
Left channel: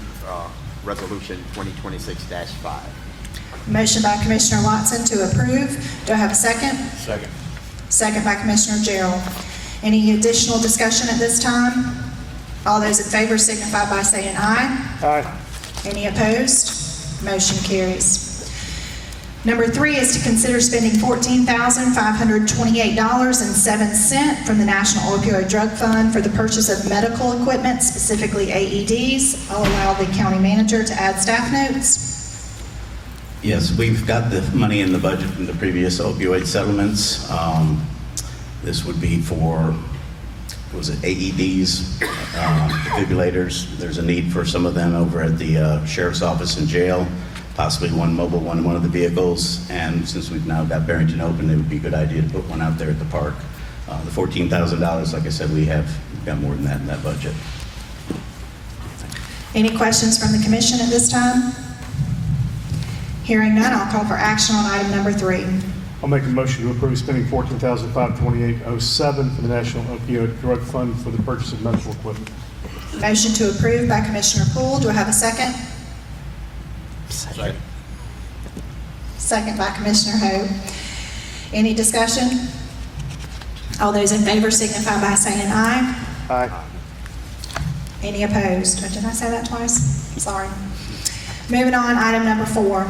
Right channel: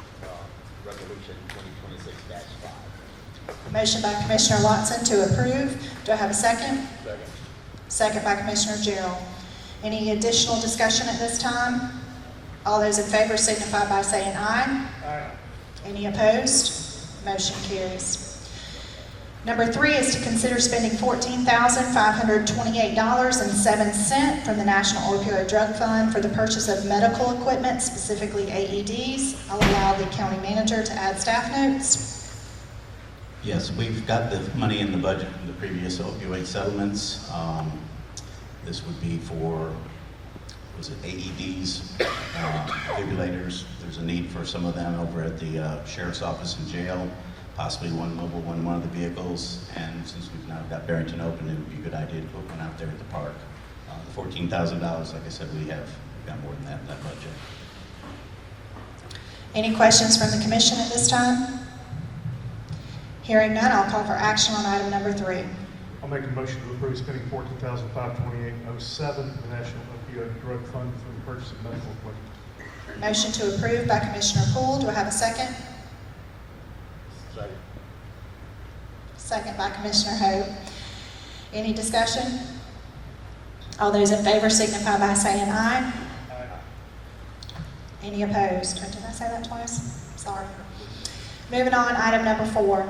resolution 2026-5. Motion by Commissioner Watson to approve. Do I have a second? Second. Second by Commissioner Gerald. Any additional discussion at this time? All those in favor signify by saying aye. Aye. Any opposed? Motion carries. Number 3 is to consider spending $14,528.07 from the National Opioid Drug Fund for the purchase of medical equipment, specifically AEDs. I'll allow the county manager to add staff notes. Yes, we've got the money in the budget from the previous opioid settlements. This would be for, AEDs, defibrillators. There's a need for some of them over at the sheriff's office and jail, possibly one mobile one in one of the vehicles. And since we've now got Barrington open, it would be a good idea to put one out there at the park. The $14,000, like I said, we've got more than that in that budget. Any questions from the commission at this time? Hearing none, I'll call for action on item number 3. I'll make a motion to approve spending $14,528.07 for the National Opioid Drug Fund for the purchase of medical equipment. Motion to approve by Commissioner Poole. Do I have a second? Second. Second by Commissioner Hope. Any discussion? All those in favor signify by saying aye. Aye. Any opposed? Or did I say that twice? Sorry. Moving on, item number 4.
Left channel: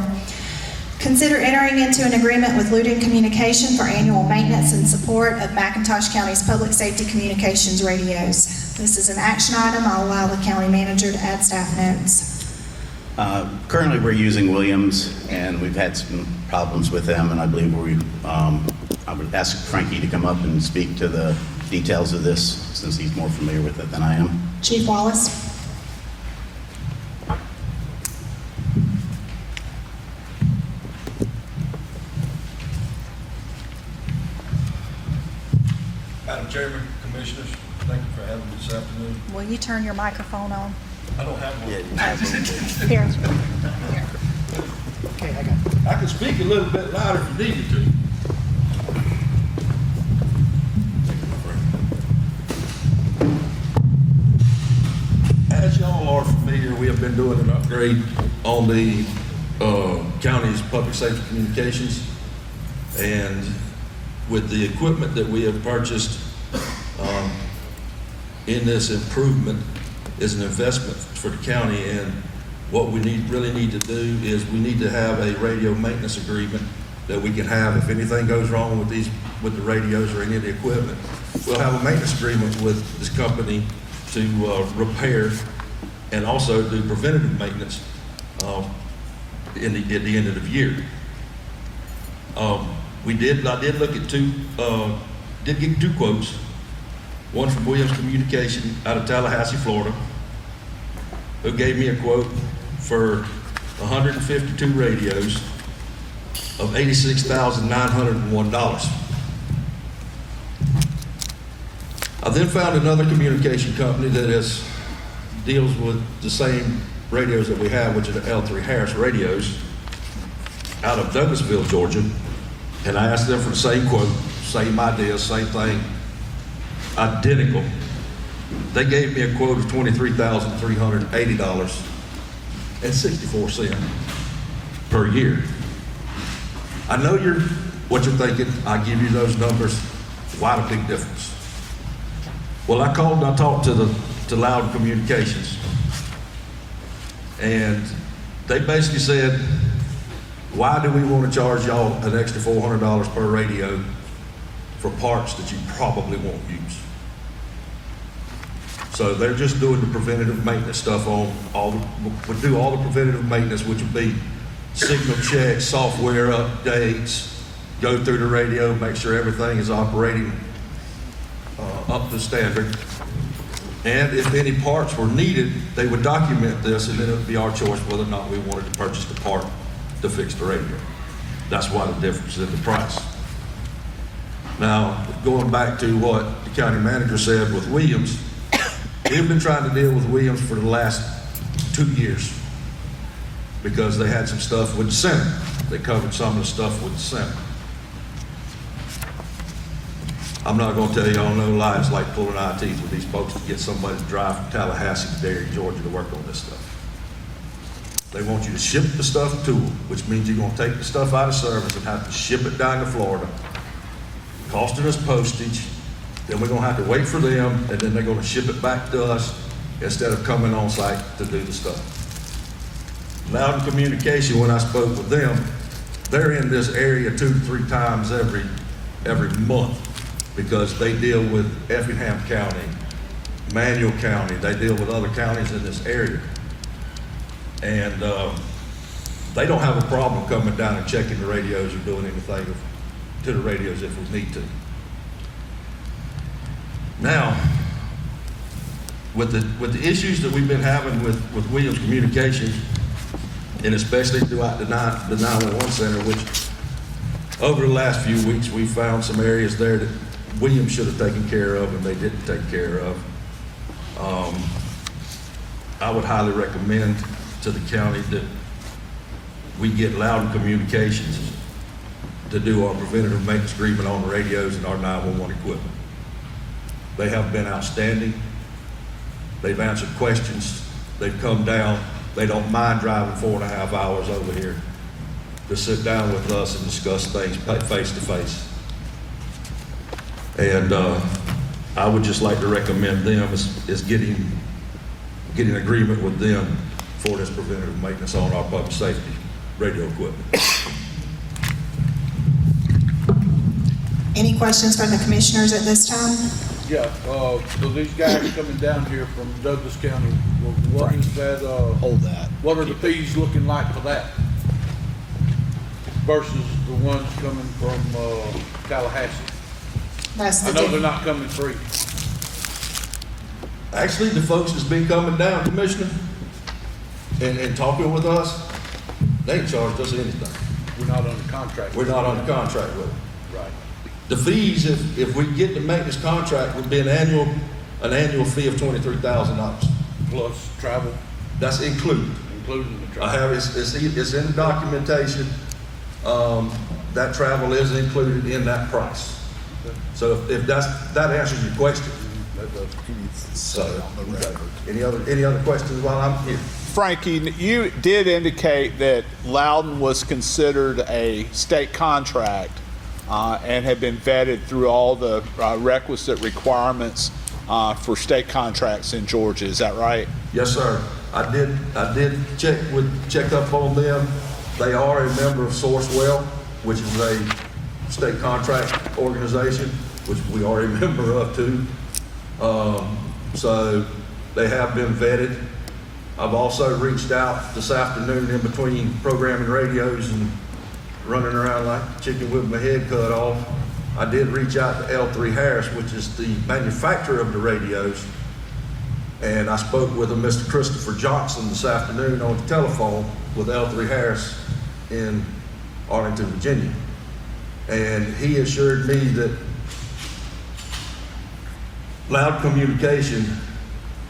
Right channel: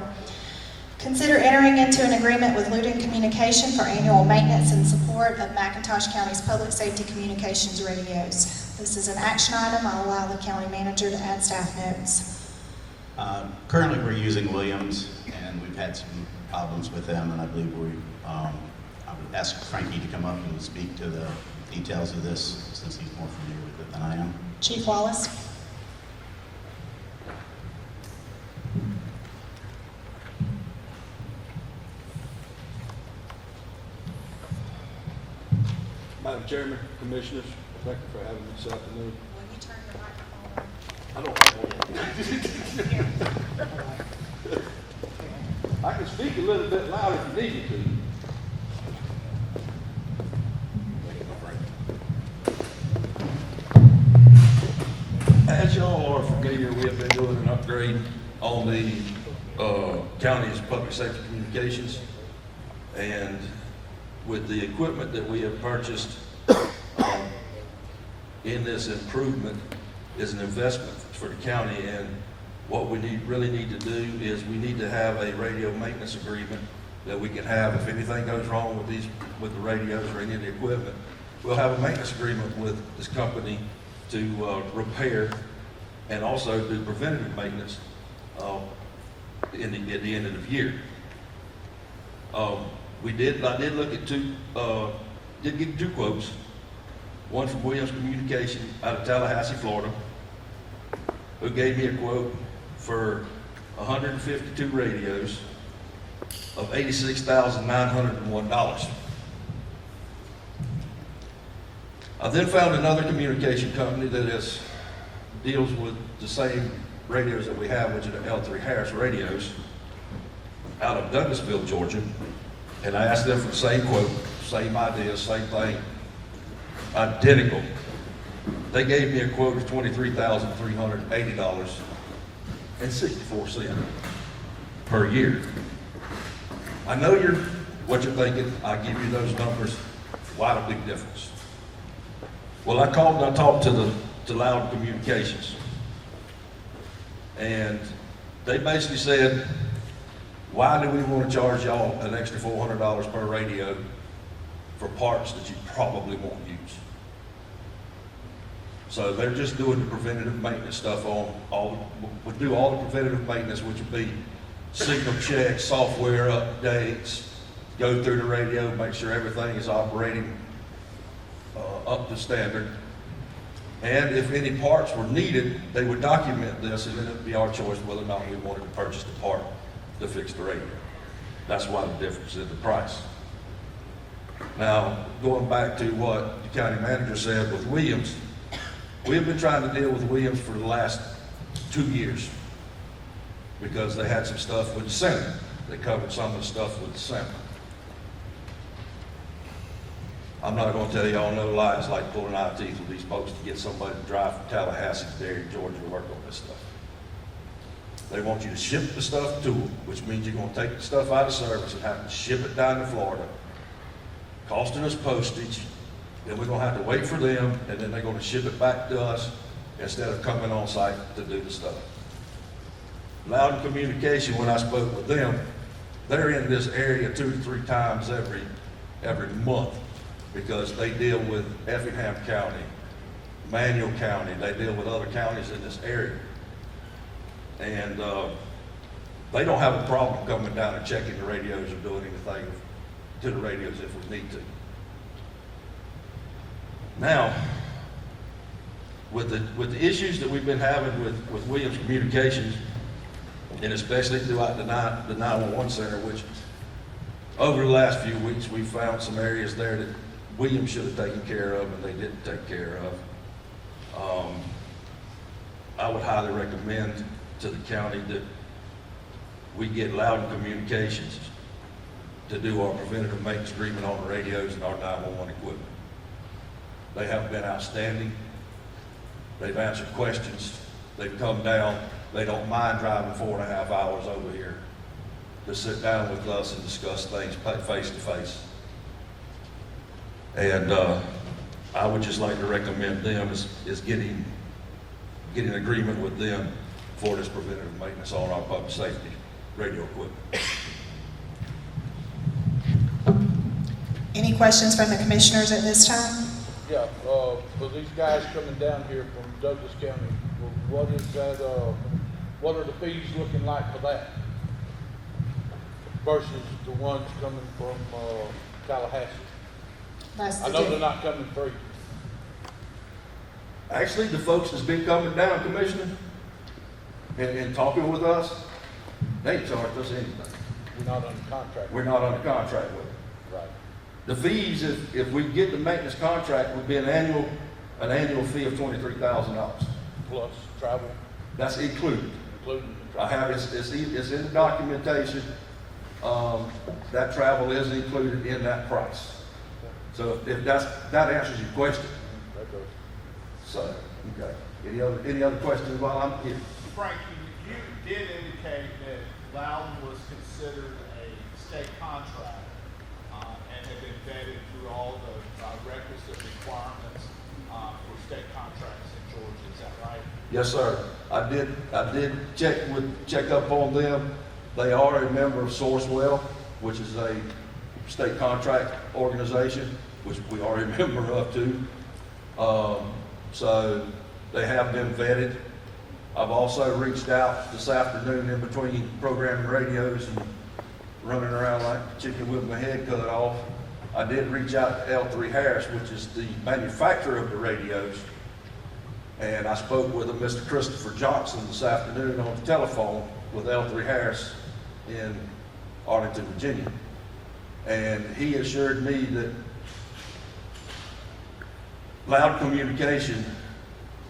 Consider entering into an agreement with Luden Communication for annual maintenance and support of McIntosh County's public safety communications radios. This is an action item. I'll allow the county manager to add staff notes. Currently, we're using Williams, and we've had some problems with them, and I believe I would ask Frankie to come up and speak to the details of this, since he's more familiar with it than I am. Chief Wallace. Madam Chairman, Commissioners, thank you for having me this afternoon. Will you turn your microphone on? I don't have one. Here. I can speak a little bit louder if you need me to. As y'all are familiar, we have been doing an upgrade on the county's public safety communications. And with the equipment that we have purchased in this improvement is an investment for the county. And what we really need to do is we need to have a radio maintenance agreement that we can have if anything goes wrong with the radios or any of the equipment. We'll have a maintenance agreement with this company to repair and also do preventative maintenance at the end of the year. I did look at did get 2 quotes. One from Williams Communication out of Tallahassee, Florida, who gave me a quote for 152 radios of $86,901. I then found another communication company that deals with the same radios that we have, which are the L3 Harris radios, out of Douglasville, Georgia. And I asked them for the same quote, same idea, same thing, identical. They gave me a quote of $23,380.64 per year. I know what you're thinking. I give you those numbers. Why the big difference? Well, I called and I talked to Loud Communications, and they basically said, why do we want to charge y'all an extra $400 per radio for parts that you probably won't use? So they're just doing the preventative maintenance stuff we'll do all the preventative maintenance, which would be signal checks, software updates, go through the radio, make sure everything is operating up to standard. And if any parts were needed, they would document this, and then it would be our choice whether or not we wanted to purchase the part to fix the radio. That's why the difference in the price. Now, going back to what the county manager said with Williams, we've been trying to deal with Williams for the last 2 years because they had some stuff with the center. They covered some of the stuff with the center. I'm not going to tell y'all no lies like pulling eye teeth with these folks to get somebody to drive from Tallahassee to Derry, Georgia to work on this stuff. They want you to ship the stuff to them, which means you're going to take the stuff out of service and have to ship it down to Florida, costing us postage. Then we're going to have to wait for them, and then they're going to ship it back to us instead of coming on site to do the stuff. Loud Communication, when I spoke with them, they're in this area 2 to 3 times every month because they deal with Effingham County, Manuel County. They deal with other counties in this area. And they don't have a problem coming down and checking the radios or doing anything to the radios if we need to. Now, with the issues that we've been having with Williams Communications, and especially throughout the 911 Center, which over the last few weeks we found some areas there that Williams should have taken care of and they didn't take care of. I would highly recommend to the county that we get Loud Communications to do our preventative maintenance agreement on the radios and our 911 equipment. They have been outstanding. They've answered questions. They've come down. They don't mind driving 4.5 hours over here to sit down with us and discuss things face to face. And I would just like to recommend them is getting agreement with them for this preventative maintenance on our public safety radio equipment. Any questions from the commissioners at this time? Yeah, so these guys coming down here from Douglas County, what is that, Hold that. what are the fees looking like for that? Versus the ones coming from, Tallahassee? That's I the know they're difference. not coming free. Actually, the folks that's been coming down, Commissioner, and talking with us, they ain't charged us anything. We're not under contract. We're not under contract with them. Right. The fees, if we get the maintenance contract, would be an annual fee of $23,000. Plus travel, That's included. including the I travel. have, it's in the documentation. That travel is included in that price. So if that answers your question. So, okay. Any other questions while I'm here? Frankie, you did indicate that Loudon was considered a state contract and had been vetted through all the requisite requirements for state contracts in Georgia. Is that right? Yes, sir. I did check up on them. They are a member of Sourcewell, which is a state contract organization, which we are a member of too. So they have been vetted. I've also reached out this afternoon in between programming radios and running around like a chicken with my head cut off. I did reach out to L3 Harris, which is the manufacturer of the radios. And I spoke with a Mr. Christopher Johnson this afternoon on the telephone with L3 Harris in Arlington, Virginia. And he assured me that Loud Communication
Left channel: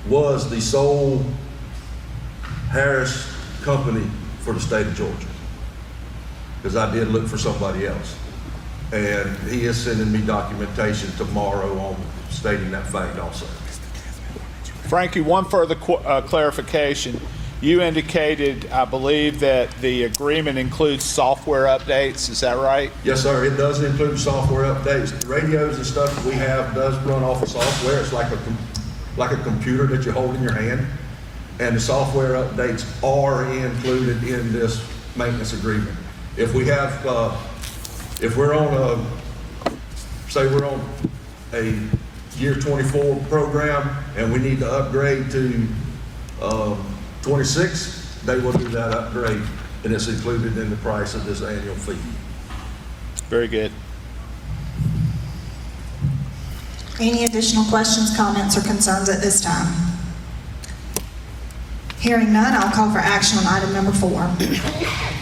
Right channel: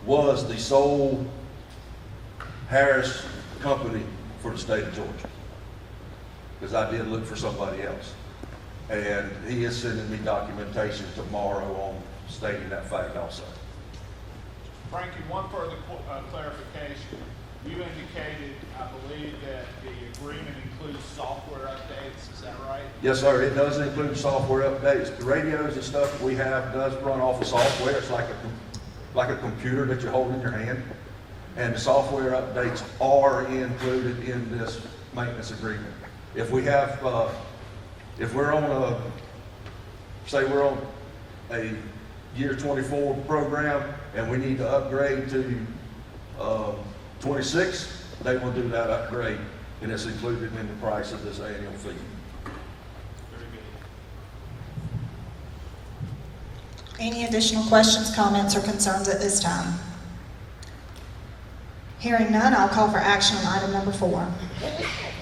was the sole Harris company for the state of Georgia. Because I did look for somebody else. And he is sending me documentation tomorrow on stating that fact also. Frankie, one further clarification. You indicated, I believe, that the agreement includes software updates. Is that right? Yes, sir. It does include software updates. The radios and stuff that we have does run off of software. It's like a computer that you hold in your hand. And the software updates are included in this maintenance agreement. If we have, if we're on say we're on a year 24 program and we need to upgrade to 26, they will do that upgrade, and it's included in the price of this annual fee. Very good. Any additional questions, comments, or concerns at this time? Hearing none, I'll call for action on item number 4.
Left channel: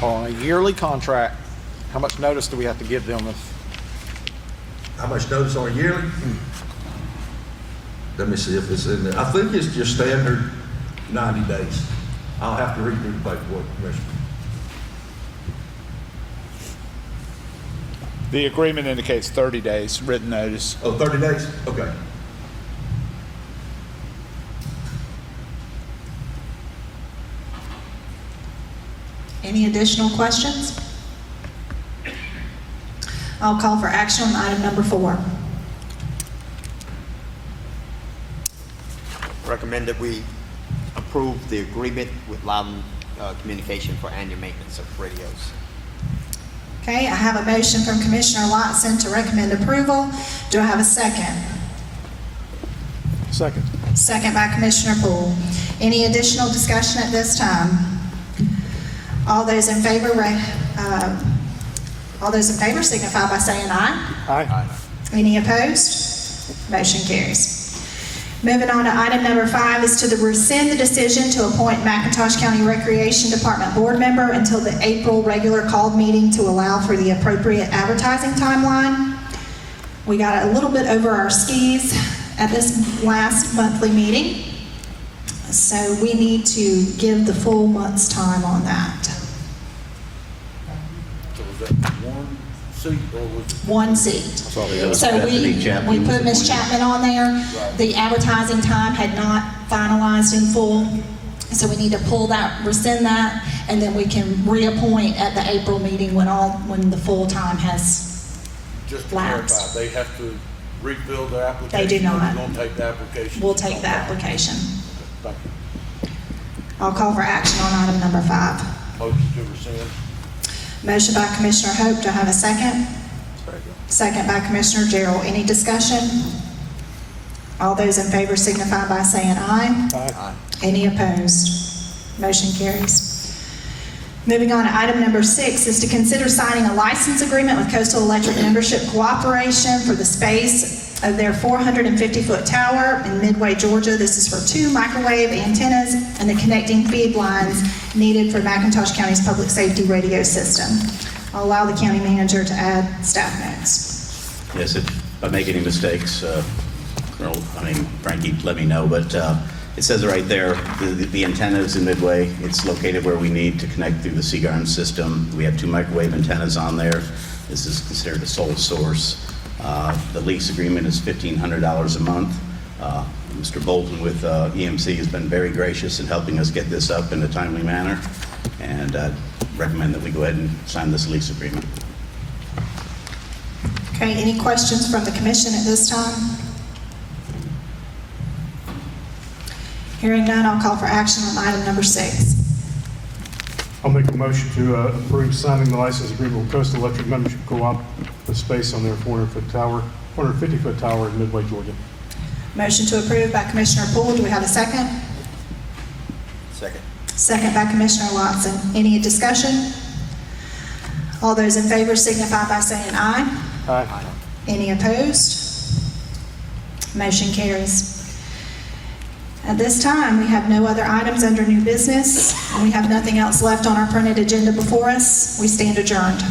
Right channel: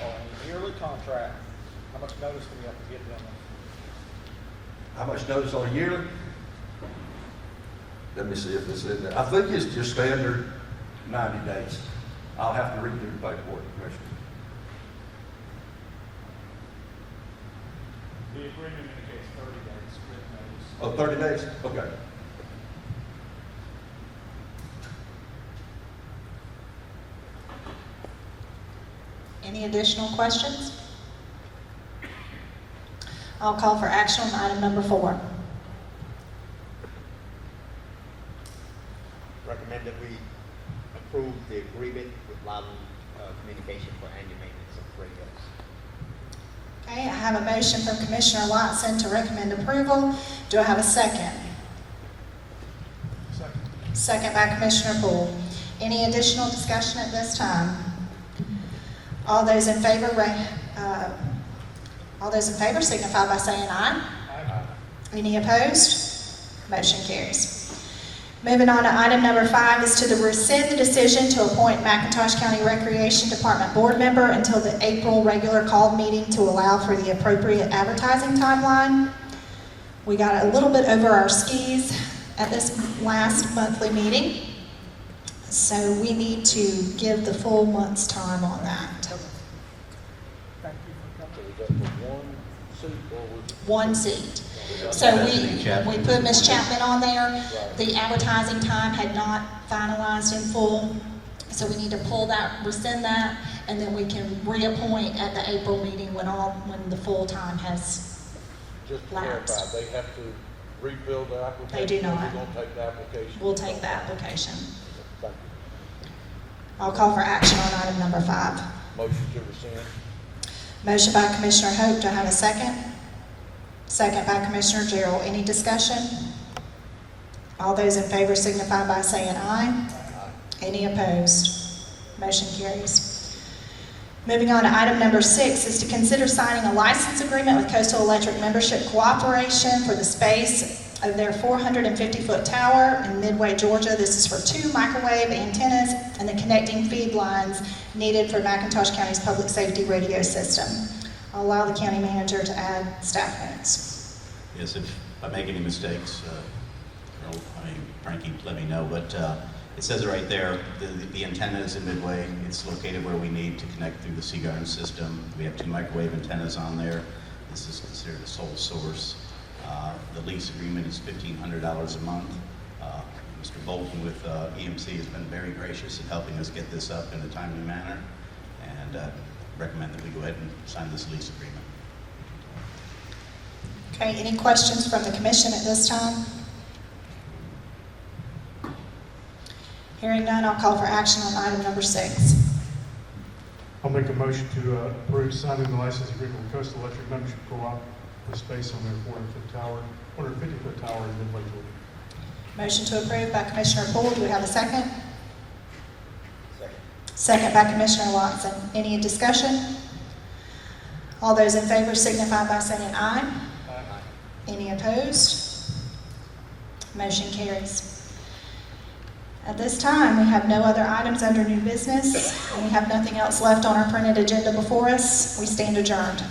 On a yearly contract, how much notice do we have to give them if? How much notice on a yearly? Let me see if it's in there. I think it's your standard 90 days. I'll have to redo the paperwork, Commissioner. The agreement indicates 30 days written notice. Oh, 30 days? Okay. Any additional questions? I'll call for action on item number 4. Recommend that we approve the agreement with Loudon Communication for annual maintenance of radios. Okay, I have a motion from Commissioner Lotson to recommend approval. Do I have a second? Second. Second by Commissioner Poole. Any additional discussion at this time? All those in favor signify by saying aye. Aye. Any opposed? Motion carries. Moving on to item number 5 is to rescind the decision to appoint McIntosh County Recreation Department board member until the April regular called meeting to allow for the appropriate advertising timeline. We got a little bit over our skis at this last monthly meeting, so we need to give the full month's time on that. seat or was? One seat. So So we put Ms. Chapman on there. The advertising time had not finalized in full, so we need to pull that, rescind that, and then we can reappoint at the April meeting when the full time has Just to clarify, lapsed. they have to refill their application? They do not. We're gonna take the application? We'll take the application. Thank you. I'll call for action on item number 5. Motion to rescind. Motion by Commissioner Hope, do I have a second? Second by Commissioner Gerald. Any discussion? All those in favor signify by saying aye. Aye. Any opposed? Motion carries. Moving on to item number 6 is to consider signing a license agreement with Coastal Electric Membership Cooperation for the space of their 450-foot tower in Midway, Georgia. This is for 2 microwave antennas and the connecting feed lines needed for McIntosh County's public safety radio system. I'll allow the county manager to add staff notes. Yes, if I make any mistakes, Frankie, let me know, but it says it right there, the antenna is in Midway. It's located where we need to connect through the Seagarden system. We have 2 microwave antennas on there. This is considered a sole source. The lease agreement is $1,500 a month. Mr. Bolton with EMC has been very gracious in helping us get this up in a timely manner, and I recommend that we go ahead and sign this lease agreement. Okay, any questions from the commission at this time? Hearing none, I'll call for action on item number 6. I'll make a motion to approve signing the license agreement with Coastal Electric Membership Co-op for space on their 450-foot tower in Midway, Georgia. Motion to approve by Commissioner Poole. Do we have a second? Second. Second by Commissioner Watson. Any discussion? All those in favor signify by saying aye. Aye. Any opposed? Motion carries. At this time, we have no other items under new business, and we have nothing else left on our printed agenda before us. We stand adjourned.